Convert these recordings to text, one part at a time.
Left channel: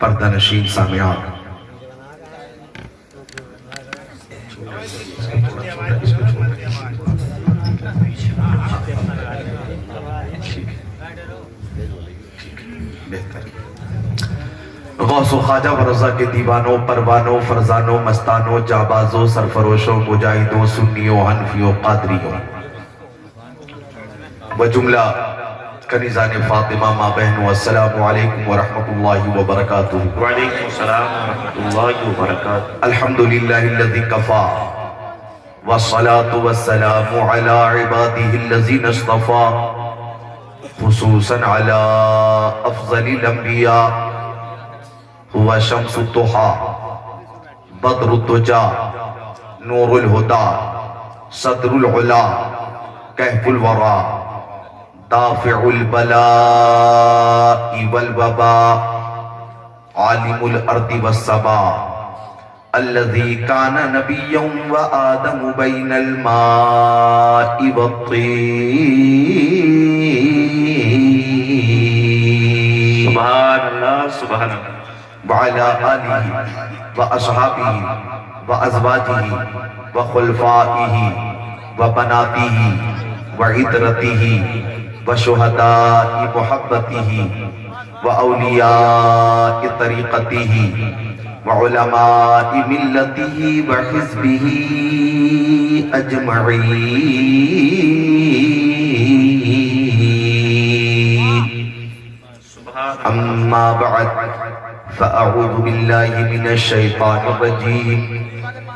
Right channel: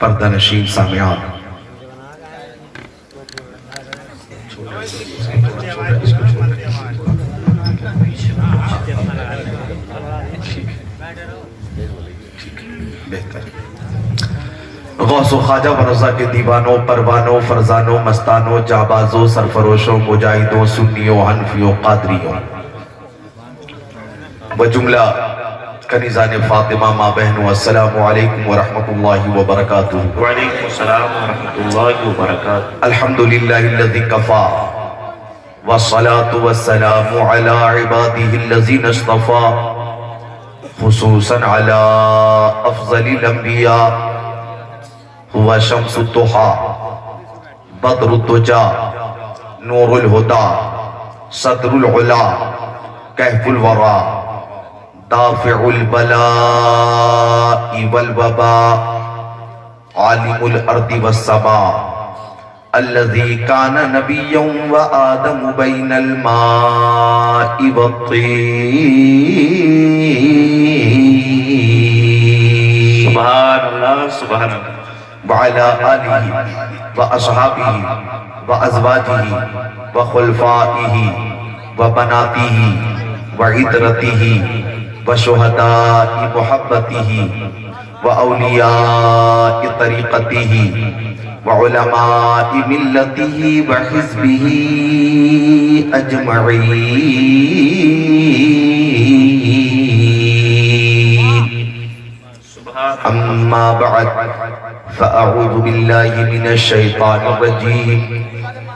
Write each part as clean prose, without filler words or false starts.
پردہ نشین سامعات، بہتر غوث و خواجہ و رضا کے دیوانوں، پروانوں، فرزانوں، مستانوں، جابازوں، سرفروشوں، مجاہدوں، سنیوں، حنفیوں، قادریوں و جملہ کنیزان فاطمہ ماں بہنوں، السلام علیکم ورحمت اللہ وبرکاتہ۔ وعلیکم السلام ورحمۃ اللہ وبرکاتہ۔ الحمدللہ الذی کفا والصلاة والسلام علی عباده الذین اصطفا، خصوصا علی افضل الانبیاء، هو شمس الضحى بدر الدجى نور الهدى صدر العلا کہف الورى دافع البلاء والوباء عالم الارض والسماء الذي كان نبيا وآدم بين الماء والطين۔ سبحان اللہ سبحان اللہ۔ وعلى آله وأصحابه وأزواجه وخلفائه وبناته وعترته وشهداء محبته وأولياء طريقته وعلماء ملته وحزبه أجمعين، أما بعد فأعوذ بالله من الشيطان الرجيم،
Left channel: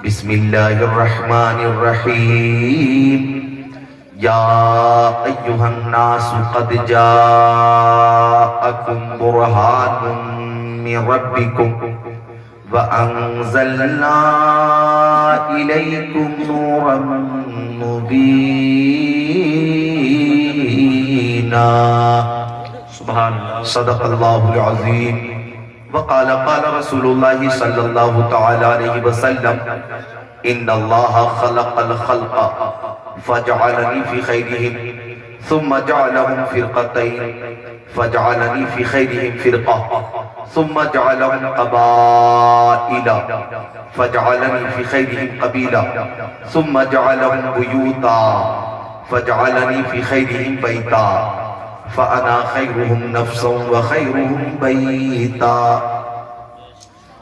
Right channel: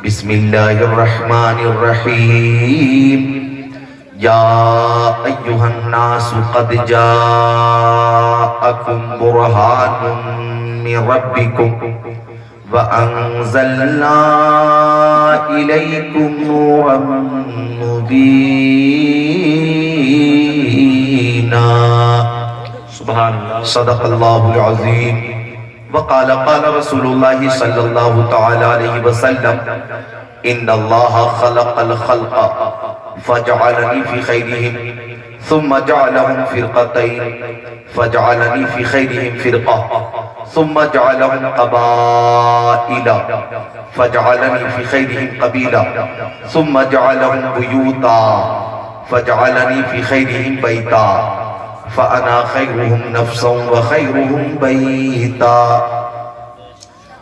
بسم الله الرحمن الرحيم، يا أيها الناس قد جاءكم برهان من ربكم وأنزلنا إليكم نورا مبينا، سبحان اللہ۔ صدق اللہ العظیم۔ وقال قال رسول اللہ صلی اللہ تعالی علیہ وسلم، ان اللہ خلق الخلق فجعلنی فی خیرہم ثم جعلهم فرقتین فجعلنی فی خیرہم فرقہ ثم جعلهم قبائل فجعلنی فی خیرہم قبیلہ ثم جعلهم بیوتا فجعلنی فی خیرہم بیتا فأنا خيرهم نفسا وخيرهم بيتا۔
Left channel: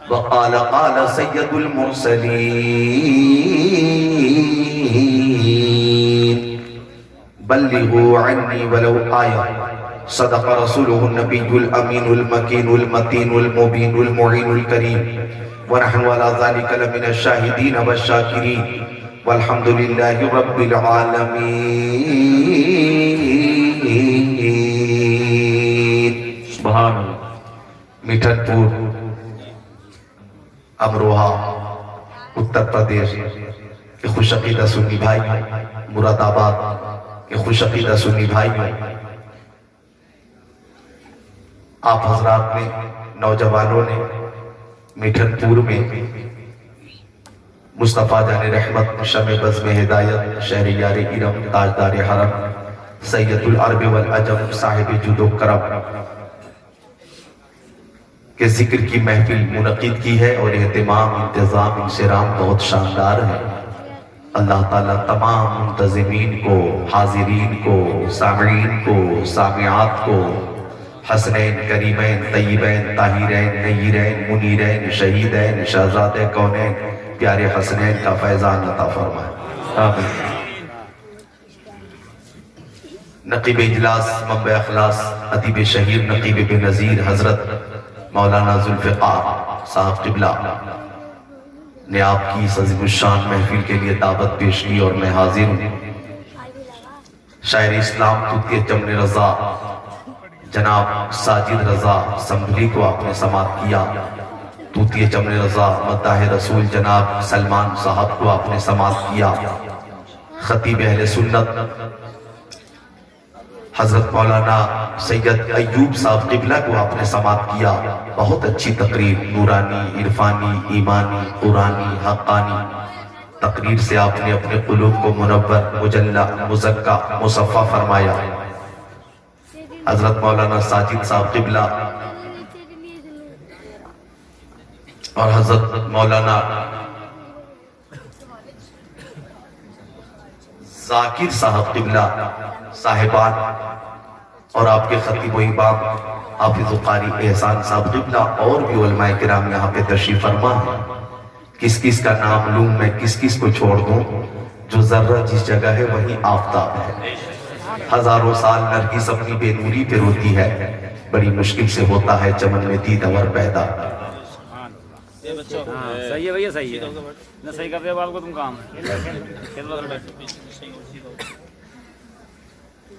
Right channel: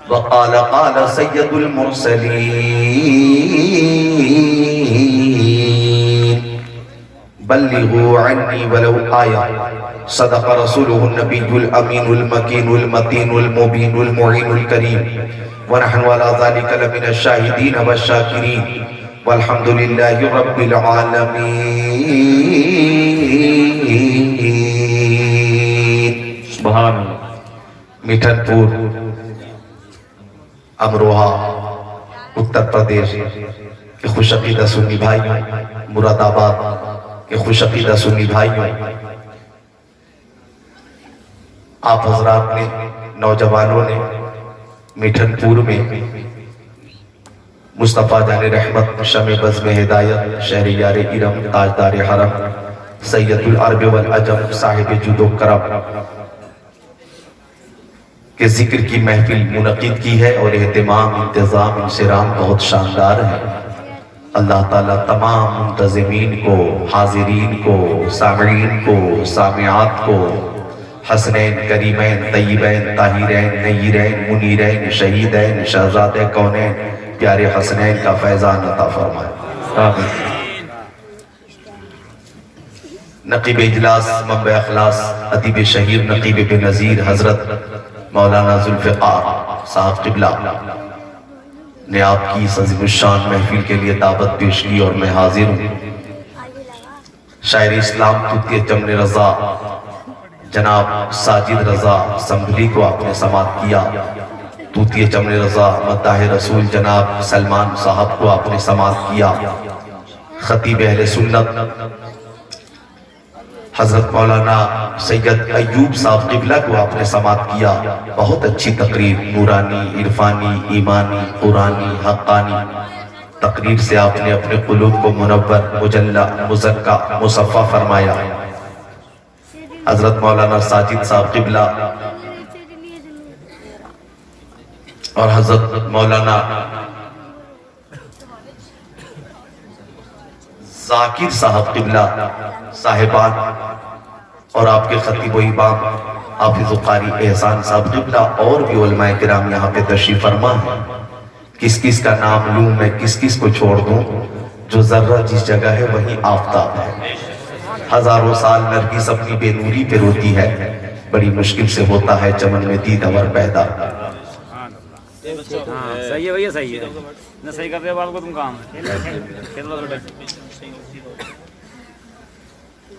وقال قال سيد المرسلين، بلغوا عني ولو آية، صدق رسوله النبي الأمين المكين المتين المبين المعين الكريم، ونحن على ذلك لمن الشاهدين والشاكرين، والحمد لله رب العالمين۔ سبحان اللہ۔ میٹھن پور امروہہ اتر پردیش کے خوش عقیدہ سنی بھائیوں، مراد آباد کے خوش عقیدہ سنی بھائیوں، آپ حضرات نے، نوجوانوں نے میٹھن پور میں مصطفیٰ جان رحمت، شمع بزم ہدایت، شہریار ارم، تاجدار حرم، سید العرب والعجم، صاحب جود و کرم کے ذکر کی محفل منعقد کی ہے، اور اہتمام، انتظام، انصرام بہت شاندار ہے۔ اللہ تعالیٰ تمام منتظمین کو، حاضرین کو، سامعین کو، سامعات کو حسنین، کریمین، طیبین، طاہرین، نیرین، منیرین، شہیدین، شہزادِ کونین، پیارے حسنین کا فیضان عطا فرمائے، آمین۔ نقیب اجلاس، منبع اخلاص، ادیب شہیر نقیب بن نظیر حضرت مولانا ذوالفقار صاحب قبلہ نے آپ کی اس عظیم الشان محفل کے لیے دعوت پیش کی، اور میں حاضر ہوں۔ شاعر اسلام توتیہ چمن رضا جناب ساجد رضا سنبھلی کو آپ نے سماعت کیا، توتیہ چمن رضا مداح رسول جناب سلمان صاحب کو آپ نے سماعت کیا، خطیب اہل سنت حضرت مولانا سید ایوب صاحب قبلہ کو آپ نے سماعت کیا۔ بہت اچھی تقریر، نورانی، عرفانی، ایمانی، قرآنی، حقانی تقریر سے آپ نے اپنے قلوب کو منور، مجلہ، مزکہ، مصفہ فرمایا۔ حضرت مولانا ساجد صاحب قبلہ اور حضرت مولانا ذاکر صاحب قبلہ صاحبان اور آپ کے خطیب و امام حافظ و قاری احسان صاحب قبلہ اور بھی علماء کرام یہاں پہ تشریف فرما ہے. کس کس کا نام لوں میں, کس کس کو چھوڑ دوں؟ جو ذرہ جس جگہ ہے وہیں آفتاب ہے. ہزاروں سال نرگس اپنی بے نوری پہ روتی ہے, بڑی مشکل سے ہوتا ہے چمن میں دید اور پیدا. صحیح ہے بھیا, صحیح ہے نہ, صحیح کر رہے ہو آپ کو تم کام.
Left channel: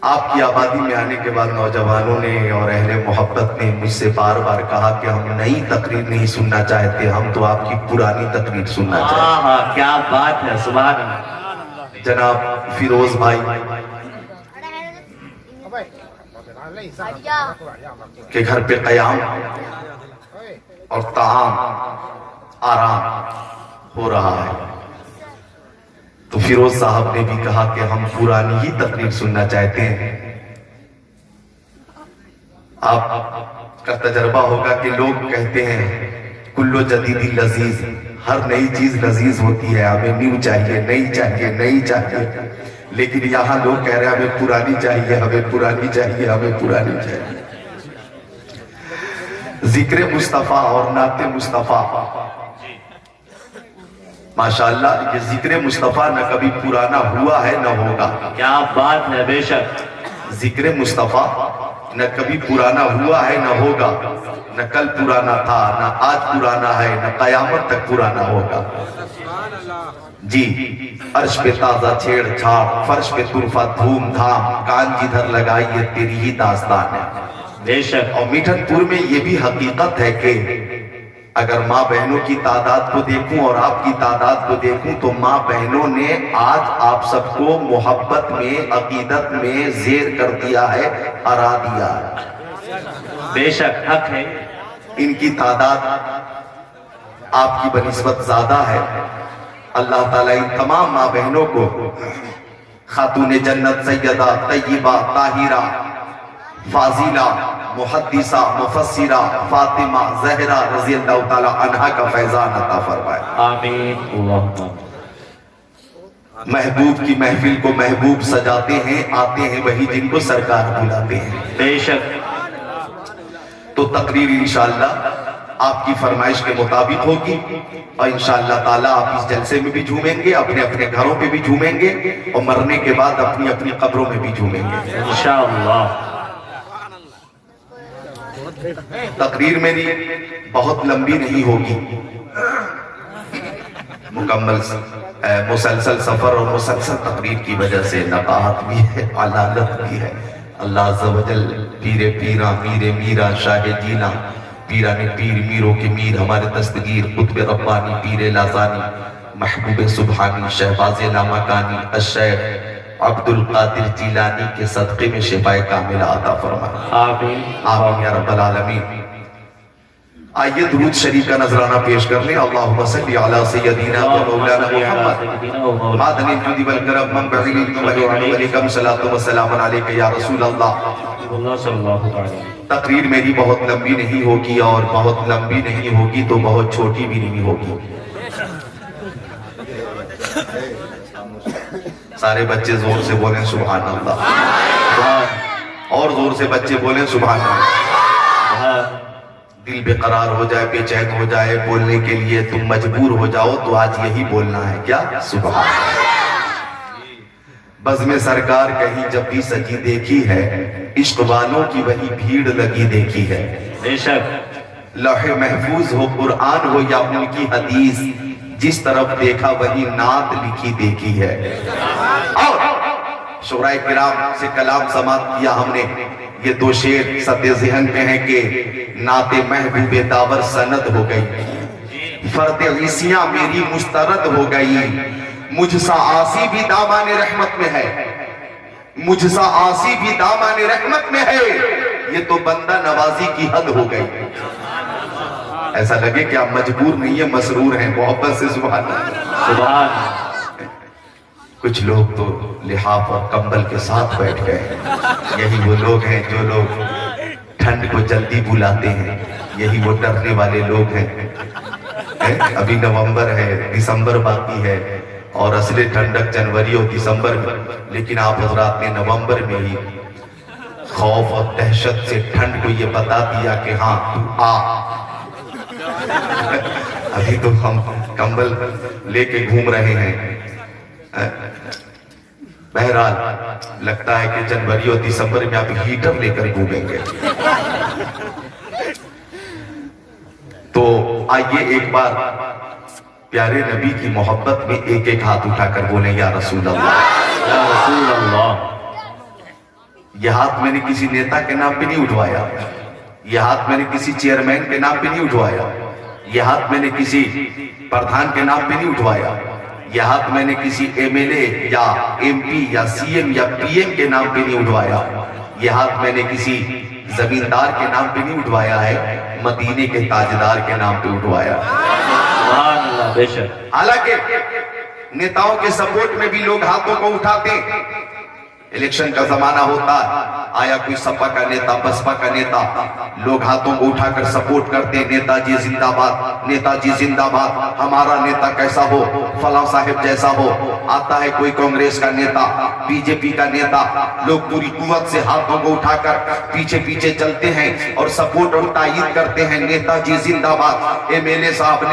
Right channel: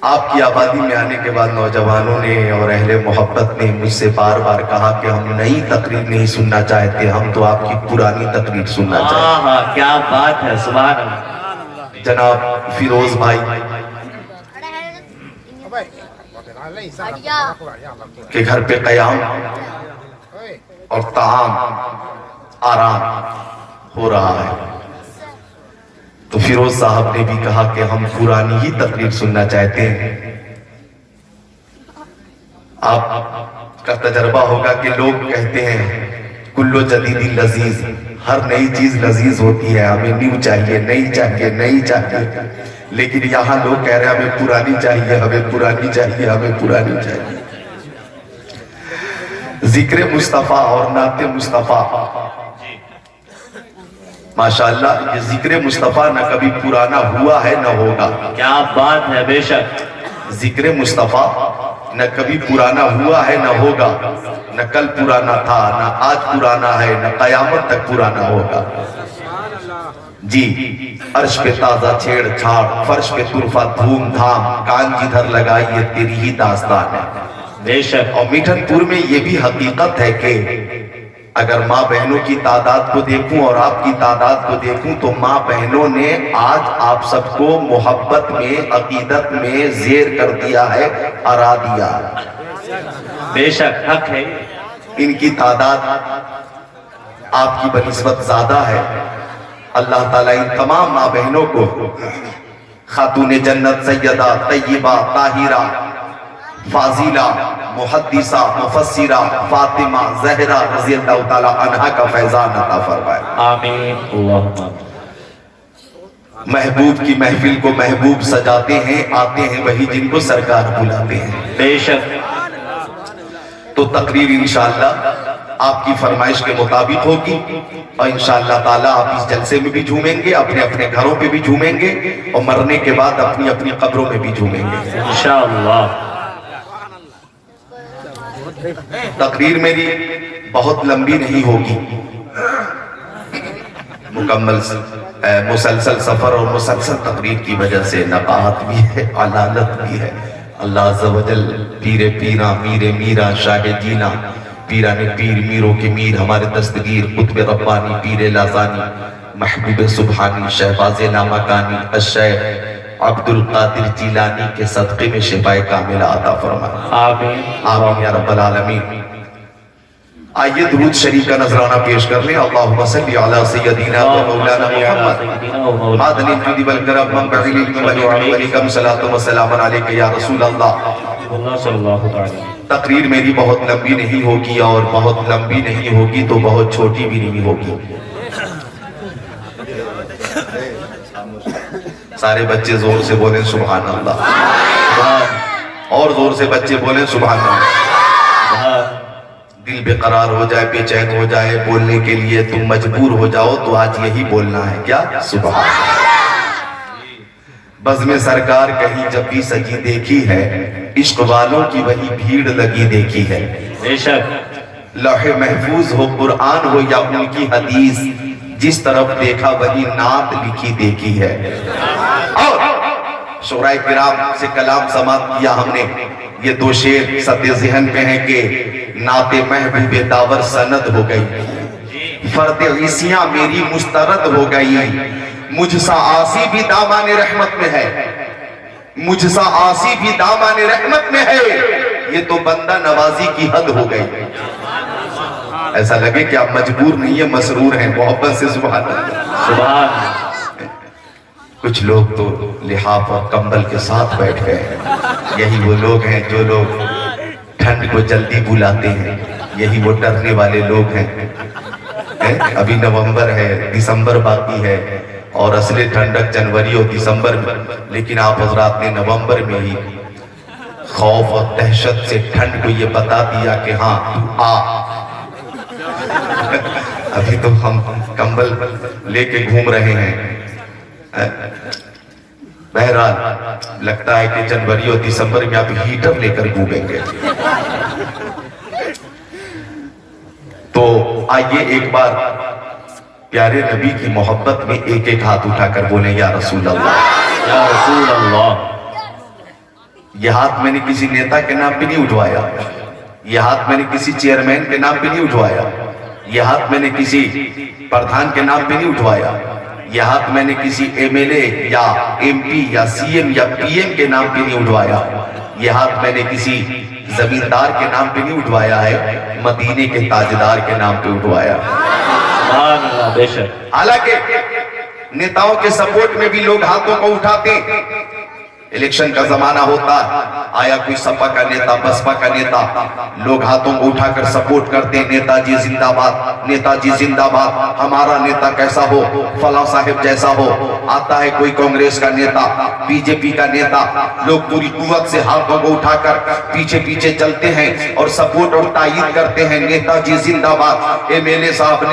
آپ کی آبادی میں آنے کے بعد نوجوانوں نے اور اہل محبت نے مجھ سے بار بار کہا کہ ہم نئی تقریر نہیں سننا چاہتے, ہم تو آپ کی پرانی تقریر سننا چاہتے ہیں. کیا بات ہے, سبحان اللہ. جناب فیروز بھائی کے گھر پہ قیام اور طعام آرام ہو رہا ہے, تو فیروز صاحب نے بھی کہا کہ ہم پرانی ہی تقریر سننا چاہتے ہیں. آپ کا تجربہ ہوگا کہ لوگ کہتے ہیں کلو جدید لذیذ, ہر نئی چیز لذیذ ہوتی ہے, ہمیں نیو چاہیے, نئی چاہیے, نئی چاہیے. لیکن یہاں لوگ کہہ رہے ہیں ہمیں پرانی چاہیے, ہمیں پرانی چاہیے, ہمیں پرانی چاہیے. ذکر مصطفیٰ اور نعت مصطفیٰ, ماشاءاللہ یہ ذکر مصطفیٰ نہ کبھی پرانا ہوا ہے نہ ہوگا. کیا بات ہے, بے شک. ذکر مصطفیٰ نہ کبھی پرانا ہوا ہے نہ ہوگا, نہ کل پرانا تھا, نہ آج پرانا ہے, نہ قیامت تک پرانا ہوگا. جی, عرش پہ تازہ چھیڑ چھاڑ, فرش پہ طرفہ دھوم دھام, کان جدھر لگائی یہ تیری ہی داستان ہے. بے شک. اور میٹھن پور میں یہ بھی حقیقت ہے کہ اگر ماں بہنوں کی تعداد کو دیکھوں اور آپ کی تعداد کو دیکھوں تو ماں بہنوں نے آج آپ سب کو محبت میں, عقیدت میں زیر کر دیا ہے, ارا دیا ہے. بے شک حق ہے. ان کی تعداد آپ کی بنسبت زیادہ ہے. اللہ تعالیٰ ان تمام ماں بہنوں کو خاتون جنت سیدہ طیبہ طاہرہ فاضلہ محدثہ مفسرہ فاطمہ زہرا رضی اللہ تعالیٰ عنہا کا فیضان عطا فرمائے. آمین. اللہم محبوب کی محفل کو محبوب سجاتے ہیں, آتے ہیں وہی جن کو سرکار بلاتے ہیں. بے شک. تو تقریر انشاءاللہ آپ کی فرمائش کے مطابق ہوگی, اور انشاءاللہ تعالیٰ آپ اس جلسے میں بھی جھومیں گے, اپنے اپنے گھروں پہ بھی جھومیں گے, اور مرنے کے بعد اپنی اپنی قبروں میں بھی جھومیں گے انشاءاللہ. تقریر میری بہت لمبی نہیں ہوگی, مکمل مسلسل سفر اور مسلسل تقریر کی وجہ سے نباہت بھی ہے, علالت بھی ہے. اللہ عز و جل پیر پیرا میر میرا شاہ جینا پیران پیر میروں کے میر ہمارے دستگیر قطب ربانی پیر لازانی محبوب سبحانی شہباز لامکانی الشیخ عبد القادر جیلانی کے صدقے میں شفائے کاملہ عطا فرمائے. آمین. آمین یا رب العالمین. آئیے درود شریف کا نذرانہ پیش کر لیں. اللہم صلی علی سیدنا و مولانا محمد مادن الجود والکرم منبع العلم والحکم صلاۃ و سلام علیک یا رسول اللہ. اللہ صلی اللہ تعالی. تقریر میری بہت لمبی نہیں ہوگی, اور بہت لمبی نہیں ہوگی تو بہت چھوٹی بھی نہیں ہوگی. سارے بچے زور سے بولیں سبحان اللہ, اور زور سے بچے بولیں سبحان اللہ. دل بے قرار ہو جائے, بے چین ہو جائے, بولنے کے لیے تم مجبور ہو جاؤ تو آج یہی بولنا ہے. کیا؟ سبحان اللہ. بزم سرکار کہیں جب بھی سجی دیکھی ہے, عشق والوں کی وہی بھیڑ لگی دیکھی ہے. بے شک. لوح محفوظ ہو قرآن ہو یا ان کی حدیث, جس طرف دیکھا وہی نعت لکھی دیکھی ہے. اور شعراء کرام سے کلام سماعت کیا ہم نے. یہ دو شعر سطح ذہن میں ہیں کہ نعت محبوب داور سند ہو گئی, فرد عیسیاں میری مسترد ہو گئی, مجھ سا آسی بھی دامان رحمت میں ہے, مجھ سا آسی بھی دامان رحمت میں ہے, یہ تو بندہ نوازی کی حد ہو گئی. ایسا لگے کہ آپ مجبور نہیں ہیں, مسرور ہیں, محبت سے سبحان اللہ. سبحان. کچھ لوگ تو لحاف اور کمبل کے ساتھ بیٹھ گئے. یہی وہ لوگ ہیں جو لوگ ٹھنڈ کو جلدی بلاتے ہیں, یہی وہ ڈرنے والے لوگ ہیں. ابھی نومبر ہے، دسمبر باقی ہے، اور اصل ٹھنڈک جنوری اور دسمبر میں، لیکن آپ حضرات نے نومبر میں ہی خوف اور دہشت سے ٹھنڈ کو یہ بتا دیا کہ ہاں تو آ۔ ابھی تو ہم کمبل لے کے گھوم رہے ہیں۔ بہرحال لگتا ہے کہ جنوری اور دسمبر میں آپ ہیٹر لے کر گھومیں گے۔ تو آئیے ایک بار پیارے نبی کی محبت میں ایک ایک ہاتھ اٹھا کر بولیں یا رسول اللہ، یا رسول اللہ۔ یہ ہاتھ میں نے کسی نیتا کے نام پہ نہیں اٹھوایا، یہ ہاتھ میں نے کسی چیئرمین کے نام پہ نہیں اٹھوایا، یہ ہاتھ میں نے کسی پردھان کے نام پہ نہیں اٹھوایا، یہ ہاتھ میں نے کسی ایم ایل اے یا ایم پی یا سی ایم یا پی ایم کے نام پہ نہیں اٹھوایا، یہ ہاتھ میں نے کسی زمیندار کے نام پہ نہیں اٹھوایا ہے، مدینے کے تاجدار کے نام پہ اٹھوایا۔ سبحان اللہ، بے شک۔ حالانکہ نیتاؤں کے سپورٹ میں بھی لوگ ہاتھوں کو اٹھاتے ہیں، الیکشن کا زمانہ ہوتا، آیا کوئی سپا کا نیتا، بسپا کا نیتا، لوگ ہاتھوں کو اٹھا کر سپورٹ کرتے ہیں، نیتا جی زندہ باد، نیتا جی زندہ باد، ہمارا نیتا کیسا ہو، فلاں صاحب جیسا ہو۔ آتا ہے کوئی کانگریس کا نیتا، بی جے پی کا نیتا، لوگ پوری قوت سے ہاتھوں کو اٹھا کر پیچھے پیچھے چلتے ہیں اور سپورٹ اور تائید کرتے ہیں، نیتا جی زندہ باد، ایم ایل اے صاحب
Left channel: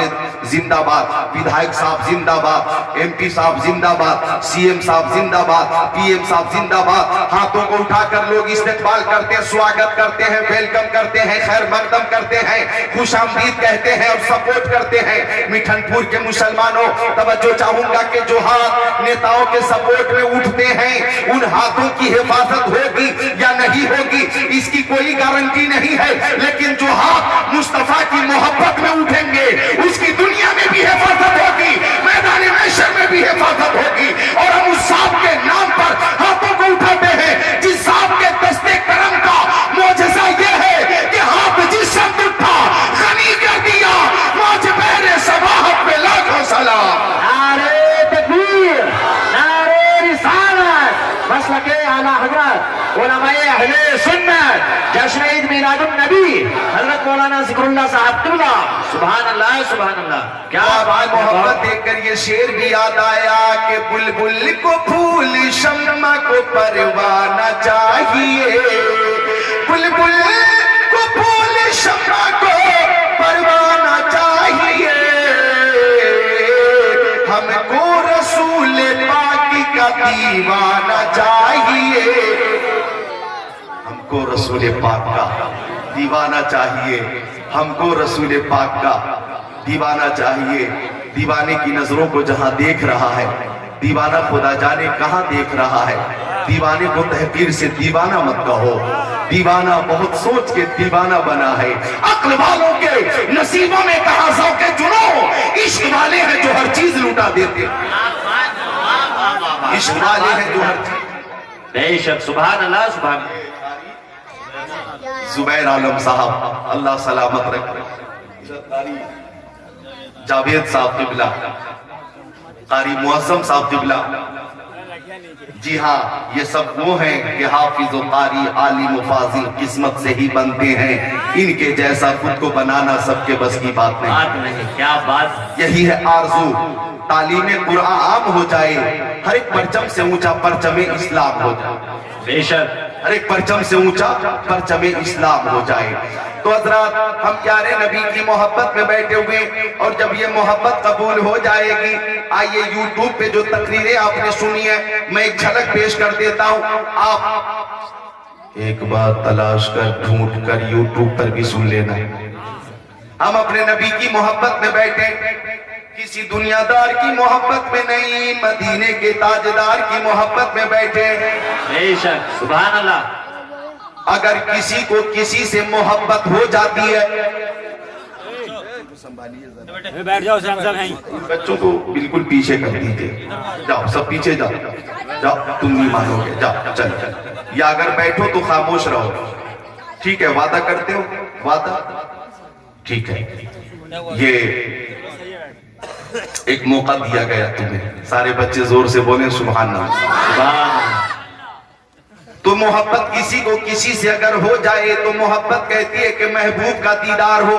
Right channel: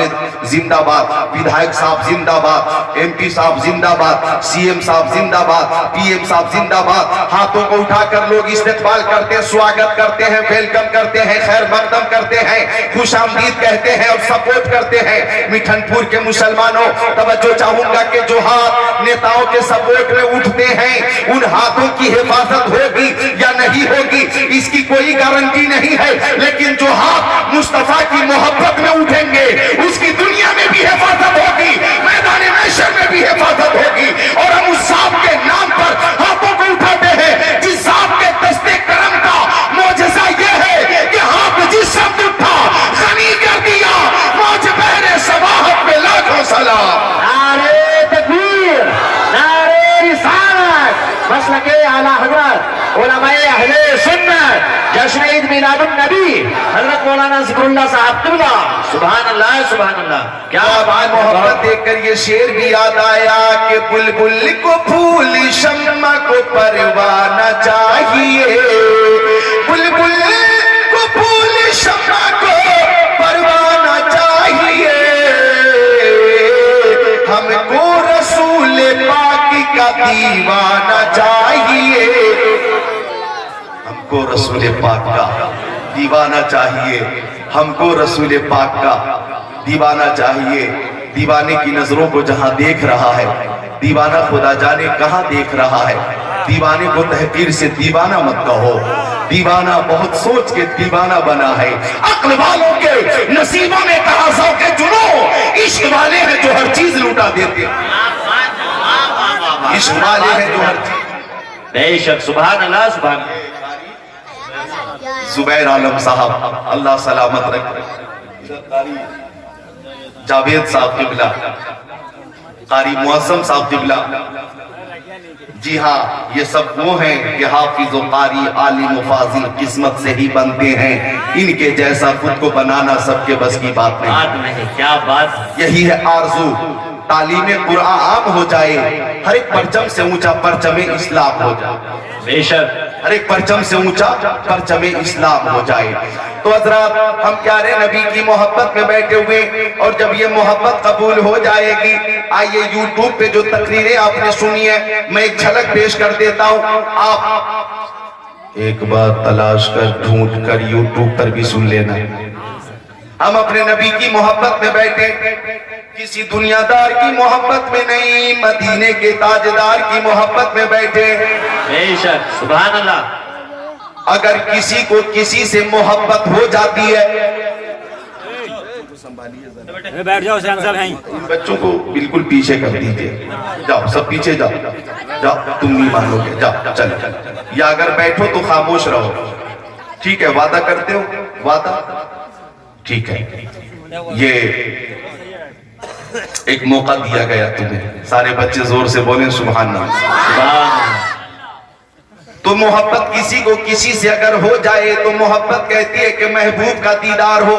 زندہ باد، ودھائک صاحب زندہ باد، ایم پی صاحب زندہ باد، سی ایم صاحب زندہ باد، پی ایم صاحب زندہ باد۔ ہاتھوں کو اٹھا کر لوگ استقبال کرتے ہیں، سواگت کرتے ہیں، ویلکم کرتے ہیں، خیر مقدم کرتے ہیں، خوش آمدید کہتے ہیں اور سپورٹ کرتے ہیں۔ مٹھن پور کے مسلمانوں توجہ چاہوں گا کہ جو ہاتھ نیتاؤں کے سپورٹ میں اٹھتے ہیں ان ہاتھوں کی حفاظت ہوگی یا نہیں ہوگی اس کی کوئی گارنٹی نہیں ہے، لیکن جو ہاتھ مصطفیٰ کی محبت میں اٹھیں گے اس کی دنیا میں بھی حفاظت ہوگی، میدان محشر میں بھی حفاظت ہوگی۔ اور ہم اس ذات کے نام پر ہاتھوں کو اٹھاتے ہیں جس ذات کے دستے کرم کا معجزہ یہ ہے کہ ہاتھ جس شخص اٹھا غنی کر دیا، موج بہر سواحت میں لاکھوں سلام۔ نعرے تکبیر، نعرے رسالت، مسلک اعلیٰ حضرت علماء اہل سنت، جشن عید میلاد النبی حضرت مولانا ذکر اللہ صاحب قبلہ۔ سبحان اللہ، سبحان اللہ۔ کیا بات، محبت دیکھ کر یہ شعر بھی یاد آیا کہ بلبل کو پھول شمع کو پروانہ چاہیے، بلبل کو پھول شمع کو پروانہ چاہیے، ہم کو رسول پاک کا دیوانہ چاہیے، ہم کو رسول پاک کا دیوانہ چاہیے، ہم کو رسول پاک کا دیوانہ چاہیے۔ دیوانے کی نظروں کو جہاں دیکھ رہا ہے، دیوانہ خدا جانے کہاں دیکھ رہا ہے۔ دیوانے کو تحقیر سے دیوانہ مت کہو، دیوانہ بہت سوچ کے دیوانہ بنا ہے۔ عقل والوں کے نصیبوں میں تقاضا کے جنوں، عشق والے ہیں جو ہر چیز لوٹا دیتے ہیں، عشق والے ہیں جو ہر چیز۔ بے شک، سبحان اللہ، سبحان اللہ۔ زبیر عالم صاحب اللہ سلامت رکھے، جاوید صاحب قبلہ، قاری معظم صاحب قبلہ، جی ہاں یہ سب وہ ہیں کہ حافظ و قاری عالم و فاضل قسمت سے ہی بنتے ہیں، ان کے جیسا خود کو بنانا سب کے بس کی بات نہیں۔ بات نہیں، کیا بات۔ یہی ہے آرزو، تعلیم قرآن عام ہو جائے، ہر ایک پرچم سے اونچا پرچم اسلام ہو جائے، بے شک۔ ہر ایک پرچم سے اونچا پرچم اسلام ہو جائے۔ تو حضرات ہم پیارے نبی کی محبت میں بیٹھے ہوئے، اور جب یہ محبت قبول ہو جائے گی، آئیے یوٹیوب پہ جو تقریریں آپ نے سنی ہے میں ایک جھلک پیش کر دیتا ہوں، آپ ایک بار تلاش کر ڈھونڈ کر یوٹیوب پر بھی سن لینا۔ ہم اپنے نبی کی محبت میں بیٹھے، کسی دنیا دار کی محبت میں نہیں، مدینے کے تاجدار کی محبت میں بیٹھے۔ بے شک، سبحان اللہ۔ اگر کسی کو کسی سے محبت ہو جاتی ہے، بیٹھ جاؤ، سینسل ہیں ان بچوں کو بالکل پیچھے کر دیجئے، جاؤ سب پیچھے جاؤ، جاؤ تم نہیں مانو گے، جاؤ چل، یا اگر بیٹھو تو خاموش رہو، ٹھیک ہے؟ وعدہ کرتے ہو؟ وعدہ ٹھیک ہے۔ یہ ایک موقع دیا گیا تمہیں، سارے بچے زور سے بولیں سبحان اللہ۔ سبحان اللہ۔ تو محبت کسی کو کسی سے اگر ہو جائے تو محبت کہتی ہے کہ محبوب کا دیدار ہو،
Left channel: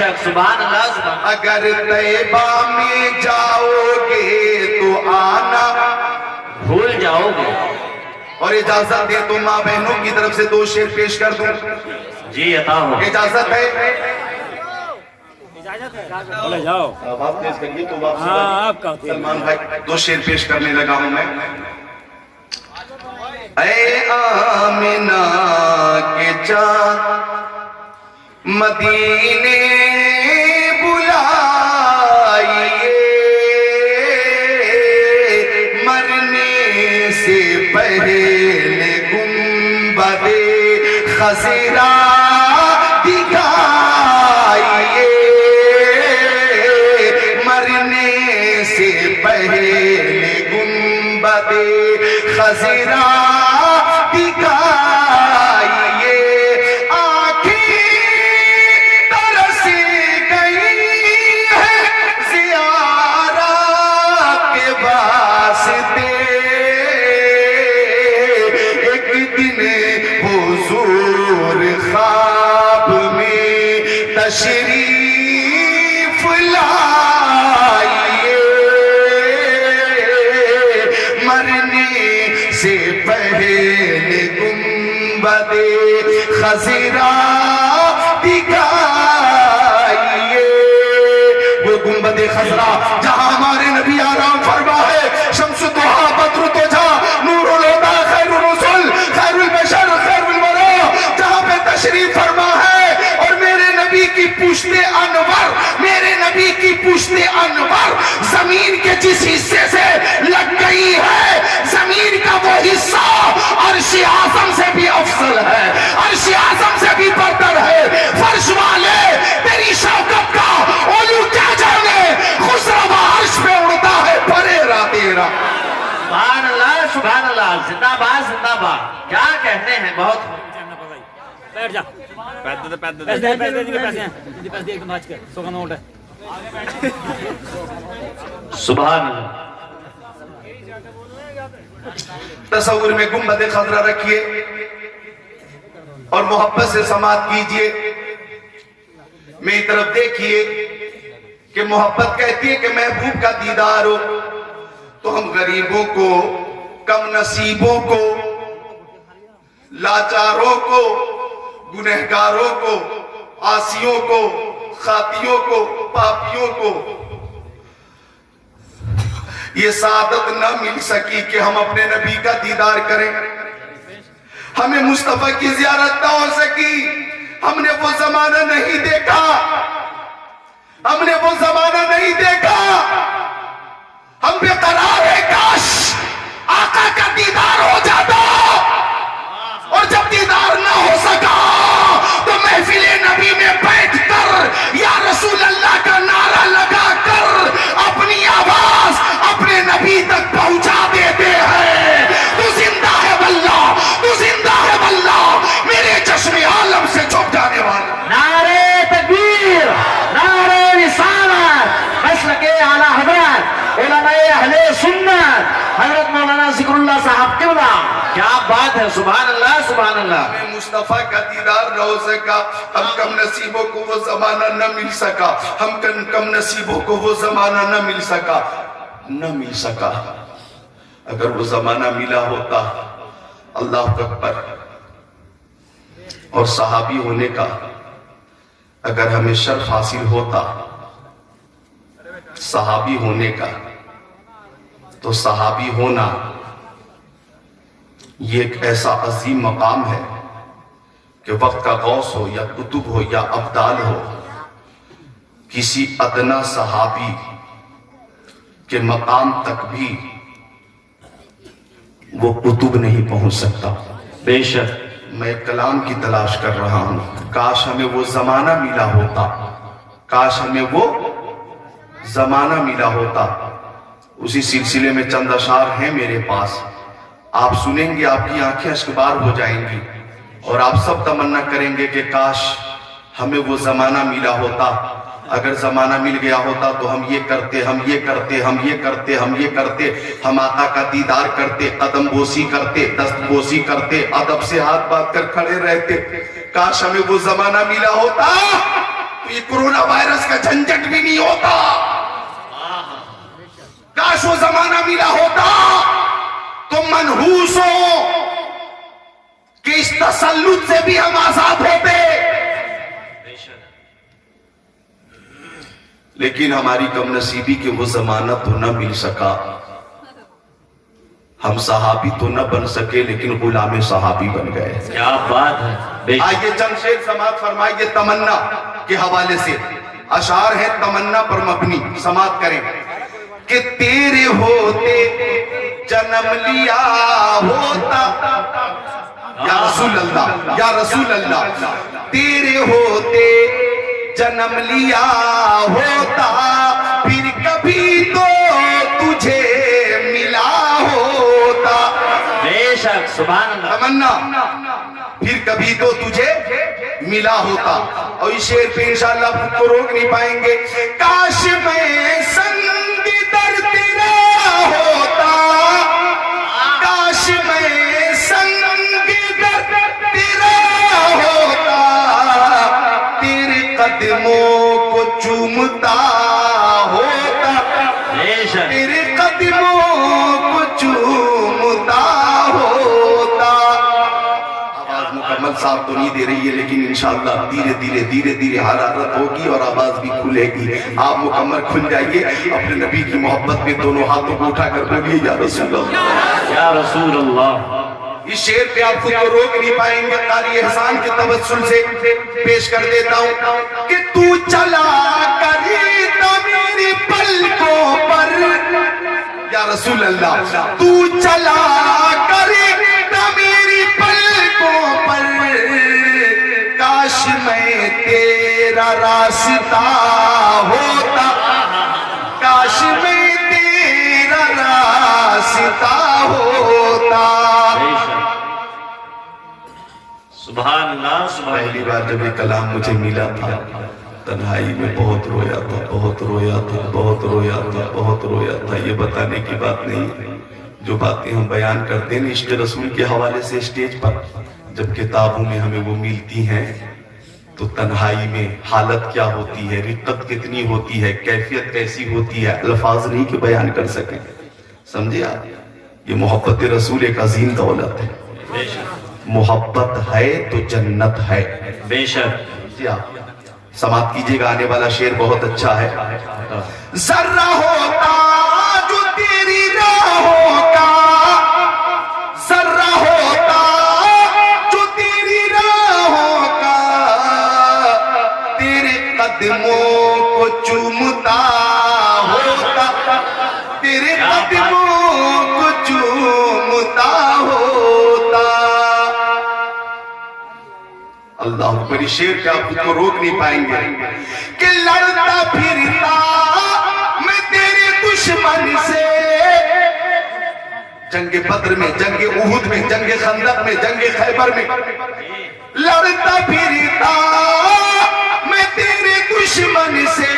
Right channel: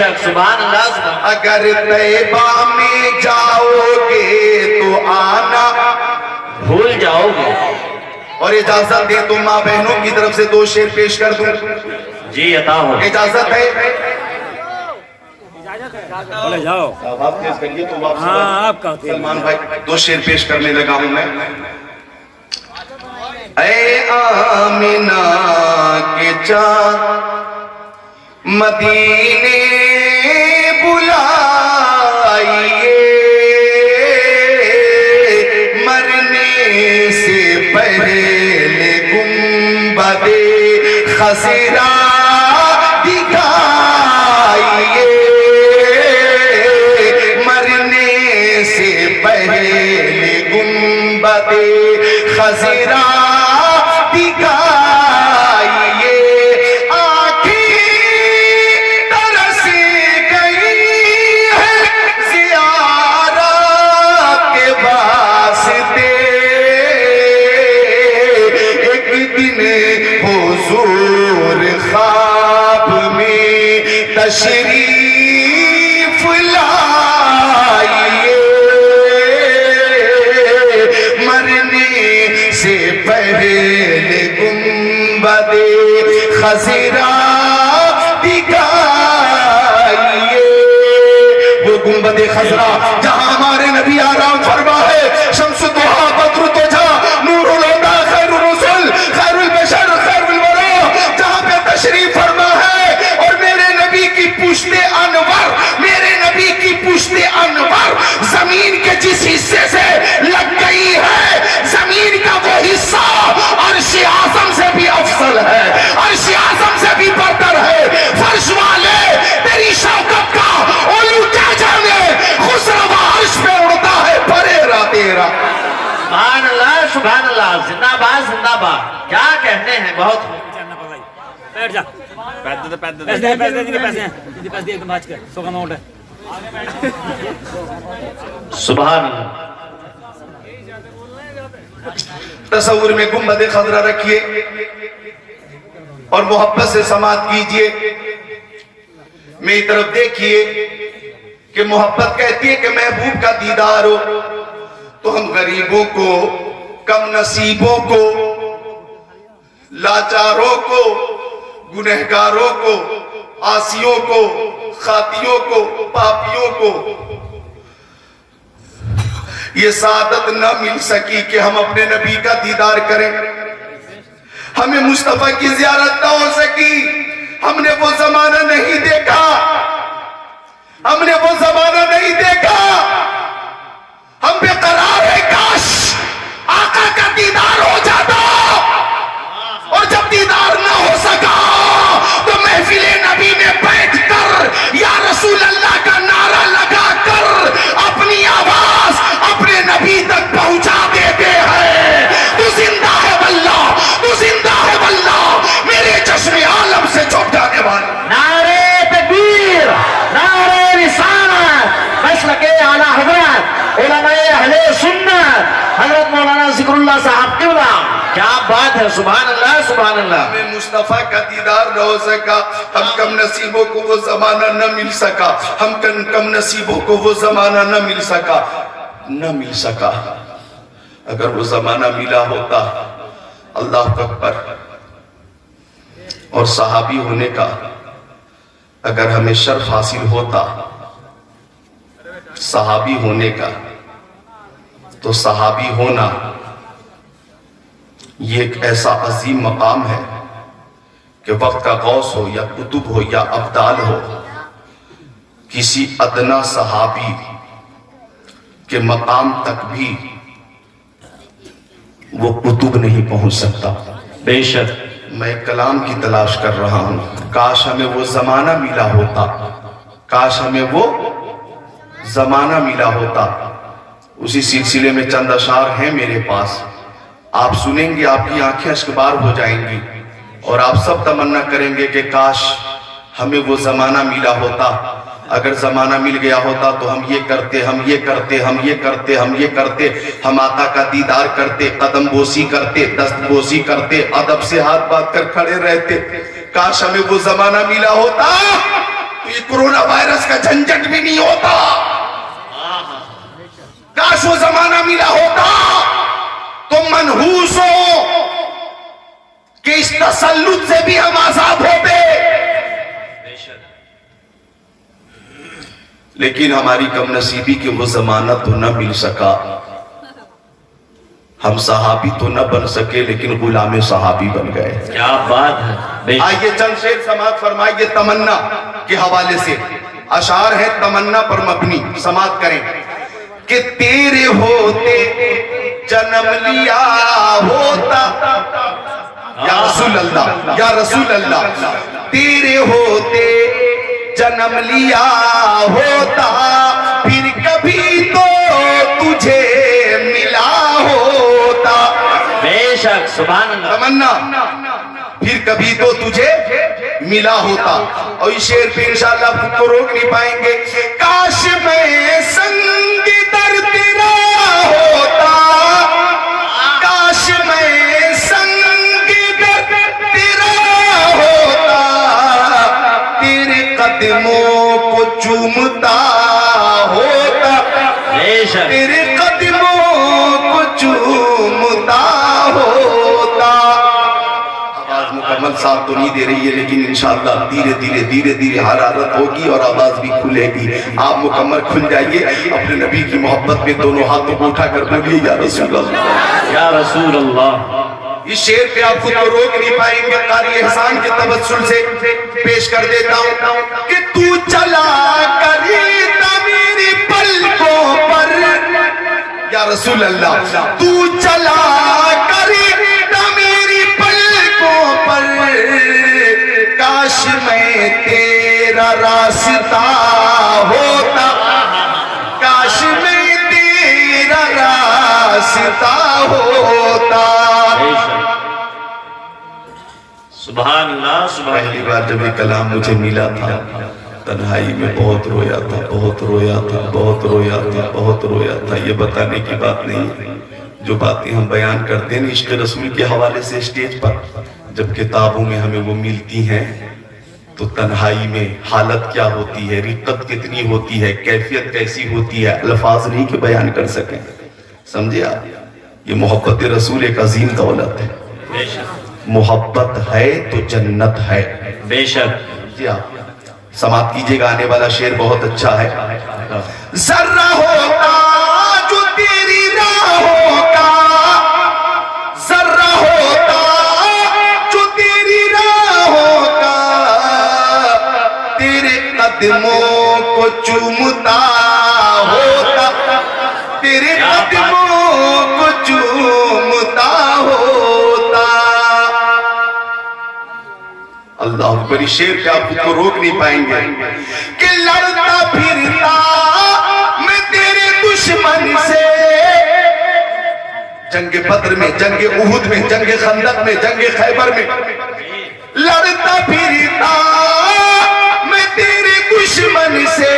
شک سبحان اللہ سبحان اگر طیبہ میں جاؤ گے تو آنا بھول جاؤ گے. اور اجازت دے تو ماں بہنوں کی طرف سے 2 شعر پیش کر دوں. جی عطا ہو. اجازت ہے؟ بولے جاؤ. بات پیش کریے تو آپ ہاں آپ کرتے ہیں. سلمان بھائی 2 شعر پیش کرنے لگا ہوں میں. اے آمنہ کے چاند مدینے بلائیے مرنے سے پہلے گنبد خضرا دکھائیے مرنے سے پہلے گنبد خضرا دکھائیے آنکھیں ترس گئی ہے زیارت کے واسطے ایک دن حضور خواب میں تشریف لائیے مرنے سے پہلے گنبد خضرا دکھائیے وہ گنبد خضرا جہاں ہمارے نبی آرام فرما ہے شمس الضحیٰ بدر الدجا نور الہدیٰ خیر الرسل خیر البشر خیر الورا جہاں پہ تشریف فرما ہے اور میرے نبی کی پشت انور میرے نبی کی پشت انور زمین کے جس حصے سے لگ گئی ہے زمین کا وہ حصہ عرش اعظم سے بھی افضل ہے عرش اعظم سے بھی برتر ہے فرش والے تیری شوکت کا علو کیا جانے خسرو عرش پہ اڑتا ہے پریرا تیرا. سبحان اللہ سبحان اللہ زندہ باد زندہ باد. کیا کہنے ہیں بہت خوب. بیٹھ جا. پیسے دے پیسے ایک دم آج کر 100 کا نوٹ ہے. سبحان اللہ. تصور میں گنبد خضرا رکھیے اور محبت سے سماعت کیجئے. میری طرف دیکھیے کہ محبت کہتی ہے کہ محبوب کا دیدار ہو تو ہم غریبوں کو کم نصیبوں کو لاچاروں کو گنہگاروں کو عاصیوں کو خاطیوں کو پاپیوں کو یہ سعادت نہ مل سکی کہ ہم اپنے نبی کا دیدار کریں. ہمیں مصطفیٰ کی زیارت نہ ہو سکی. ہم نے وہ زمانہ نہیں دیکھا. ہم نے وہ زمانہ نہیں دیکھا. ہم بے قرار ہے کاش آقا کا دیدار ہو جاتا اور جب دیدار نہ ہو سکا تو محفل نبی میں بیٹھ کر یا رسول اللہ کا نعرہ لگا کر اپنی آواز اپنے نبی تک پہنچا دیتے ہیں. تو زندہ ہے واللہ تو زندہ ہے واللہ میرے چشم عالم سے چھپ جانے والے. نعرہ تکبیر نعرہ رسالت مسلک اعلیٰ حضرت علماء اہل سنت حضرت مولانا ذکر اللہ صاحب قبلہ. کیا بات ہے. سبحان اللہ سبحان اللہ. ہمیں مصطفیٰ کا دیدار نہ ہو سکا. ہم کم نصیبوں کو وہ زمانہ نہ مل سکا. ہم کم نصیبوں کو وہ زمانہ نہ مل سکا. اگر وہ زمانہ ملا ہوتا اللہ اکبر اور صحابی ہونے کا اگر ہمیں شرف حاصل ہوتا صحابی ہونے کا تو صحابی ہونا یہ ایک ایسا عظیم مقام ہے کہ وقت کا غوث ہو یا قطب ہو یا ابدال ہو کسی ادنا صحابی کے مقام تک بھی وہ قطب نہیں پہنچ سکتا. بے شک. میں کلام کی تلاش کر رہا ہوں. کاش ہمیں وہ زمانہ ملا ہوتا. کاش ہمیں وہ زمانہ ملا ہوتا. اسی سلسلے میں چند اشعار ہیں میرے پاس. آپ سنیں گے آپ کی آنکھیں اشکبار ہو جائیں گی اور آپ سب تمنا کریں گے کہ کاش ہمیں وہ زمانہ ملا ہوتا. اگر زمانہ مل گیا ہوتا تو ہم یہ کرتے ہم یہ کرتے ہم یہ کرتے ہم یہ کرتے ہم آقا کا دیدار کرتے قدم بوسی کرتے دست بوسی کرتے ادب سے ہاتھ بات کر کھڑے رہتے. کاش ہمیں وہ زمانہ ملا ہوتا تو یہ کورونا وائرس کا جھنجھٹ بھی نہیں ہوتا. کاش وہ زمانہ ملا ہوتا تو منحوس ہو کہ اس تسلط سے بھی ہم آزاد ہوتے. لیکن ہماری کم نصیبی کہ وہ زمانہ تو نہ مل سکا. ہم صحابی تو نہ بن سکے لیکن غلام صحابی بن گئے. کیا بات ہے. بے شک. آئیے چند شعر سماعت فرمائیے تمنا کے حوالے سے. اشعار ہے تمنا پر مبنی. سماعت کریں کہ تیرے ہوتے جنم لیا ہوتا. یا رسول اللہ یا رسول اللہ. تیرے ہوتے جنم لیا ہوتا پھر کبھی تو تجھے ملا ہوتا. بے شک. سبحان اللہ. تمنا پھر کبھی تو تجھے ملا ہوتا. اور اس شعر پہ انشاءاللہ خود کو روک نہیں پائیں گے. کاش میں سنگ در تیرا ہوتا. کاش میں سنگ در تیرا ہوتا. تیرے قدموں کو چومتا ہوتا. بے شک. تیرے قدموں کو چومتا ہوتا. آواز مکمل ساتھ تو نہیں دے رہی ہے لیکن انشاءاللہ دھیرے دھیرے حرارت ہوگی اور آواز بھی کھلے گی. آپ مکمل کھل جائیے. اپنے نبی کی محبت میں دونوں ہاتھوں کو اٹھا کر بولیے یا رسول اللہ یا رسول اللہ. اس شعر پہ آپ خود کو روک نہیں پائیں گے. قاری احسان کے توسل سے پیش کر دیتا ہوں کہ تو چلا کریتا میری پلکوں پر. یا رسول اللہ تو چلا کریتا میری پلکوں پر. کاش میں تیرا راستہ ہوتا. کاش میں تیرا راستہ ہوتا. سبحان اللہ. سبحان پہلی اللہ. بار جب یہ کلام مجھے ملا تھا تنہائی میں بہت رویا تھا. بہت رویا تھا. بہت رویا تھا. بہت رویا تھا. یہ بتانے کی بات نہیں. جو باتیں ہم بیان کرتے ہیں عشق رسول کے حوالے سے اسٹیج پر جب کتابوں میں ہمیں وہ ملتی ہیں تو تنہائی میں حالت کیا ہوتی ہے, رقت کتنی ہوتی ہے, کیفیت کیسی ہوتی ہے, الفاظ نہیں کہ بیان کر سکیں. سمجھے آپ, یہ محبت رسول ایک عظیم دولت ہے. بے شک. محبت ہے تو جنت ہے. بے شک. جی آپ سماعت کیجئے گا. آنے والا شعر بہت اچھا ہے. ذرہ ہوتا جو تیری راہوں کا. ذرہ ہوتا جو تیری راہوں کا. تیرے قدموں کو چومتا ہوتا. تیرے قدموں کو چومتا ہوتا. اللہ اکبر. اس شعر پہ آپ خود کو روک نہیں پائیں گے کہ لڑتا پھرتا میں تیرے دشمن سے. جنگ بدر میں, جنگ احد میں, جنگ خندق میں, جنگ خیبر میں لڑتا پھرتا میں تیرے دشمن سے.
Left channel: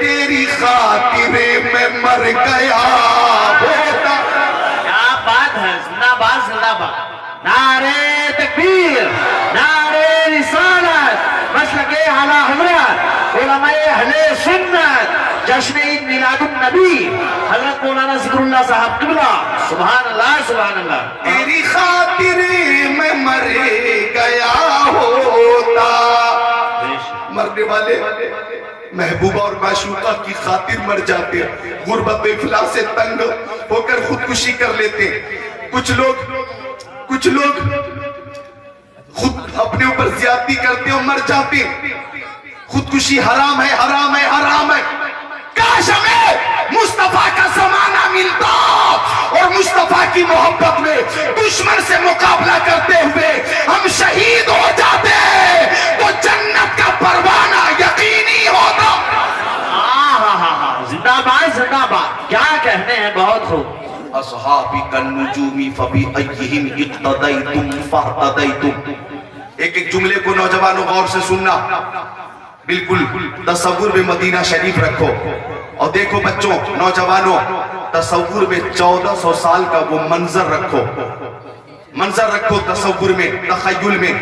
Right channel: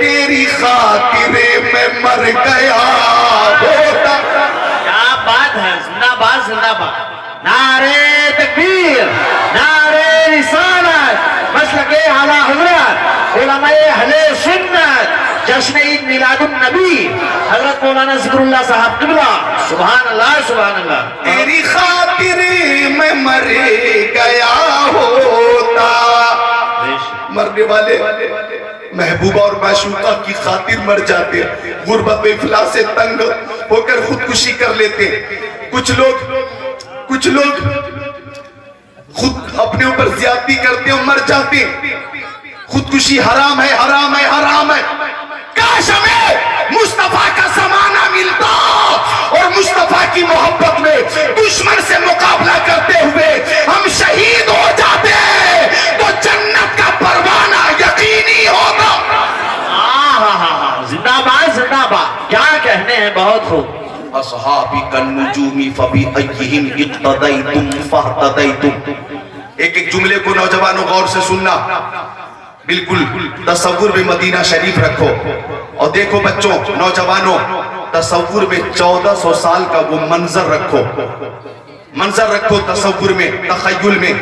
تیری خاطر میں مر گیا ہوتا. کیا بات ہے. زندہ باد. زندہ باد. نعرہ تکبیر, نعرہ رسالت, مسلک اعلیٰ حضرت علماء اہل سنت, جشن عید میلاد النبی حضرت مولانا ذکر اللہ صاحب قبلہ. سبحان اللہ. سبحان اللہ. تیری خاطر میں مر گیا ہوتا. مرنے والے محبوبہ اور معشوقہ کی خاطر مر جاتے. غربت و افلاس سے تنگ ہو کر خودکشی کر لیتے. کچھ لوگ خود اپنے اوپر زیادتی کرتے اور مر جاتے. خودکشی حرام ہے, حرام ہے, حرام ہے. کاش ہمیں مصطفیٰ کا زمانہ ملتا اور مصطفیٰ کی محبت میں دشمن سے مقابلہ کرتے ہوئے ہم شہید ہو جاتے تو جنت کا پروانہ یقینی ہوتا. زندہ باد. زندہ باد. کیا کہنے ہیں. بہت خوب. اصحابی کالنجومی فبأیہم اقتدیتم فاہتدیتم. ایک جملے کو نوجوانوں غور سے سننا. بالکل تصور میں مدینہ شریف رکھو اور دیکھو بچوں, نوجوانوں, تصور میں 1400 سال کا وہ منظر رکھو. منظر رکھو تصور میں, تخیل میں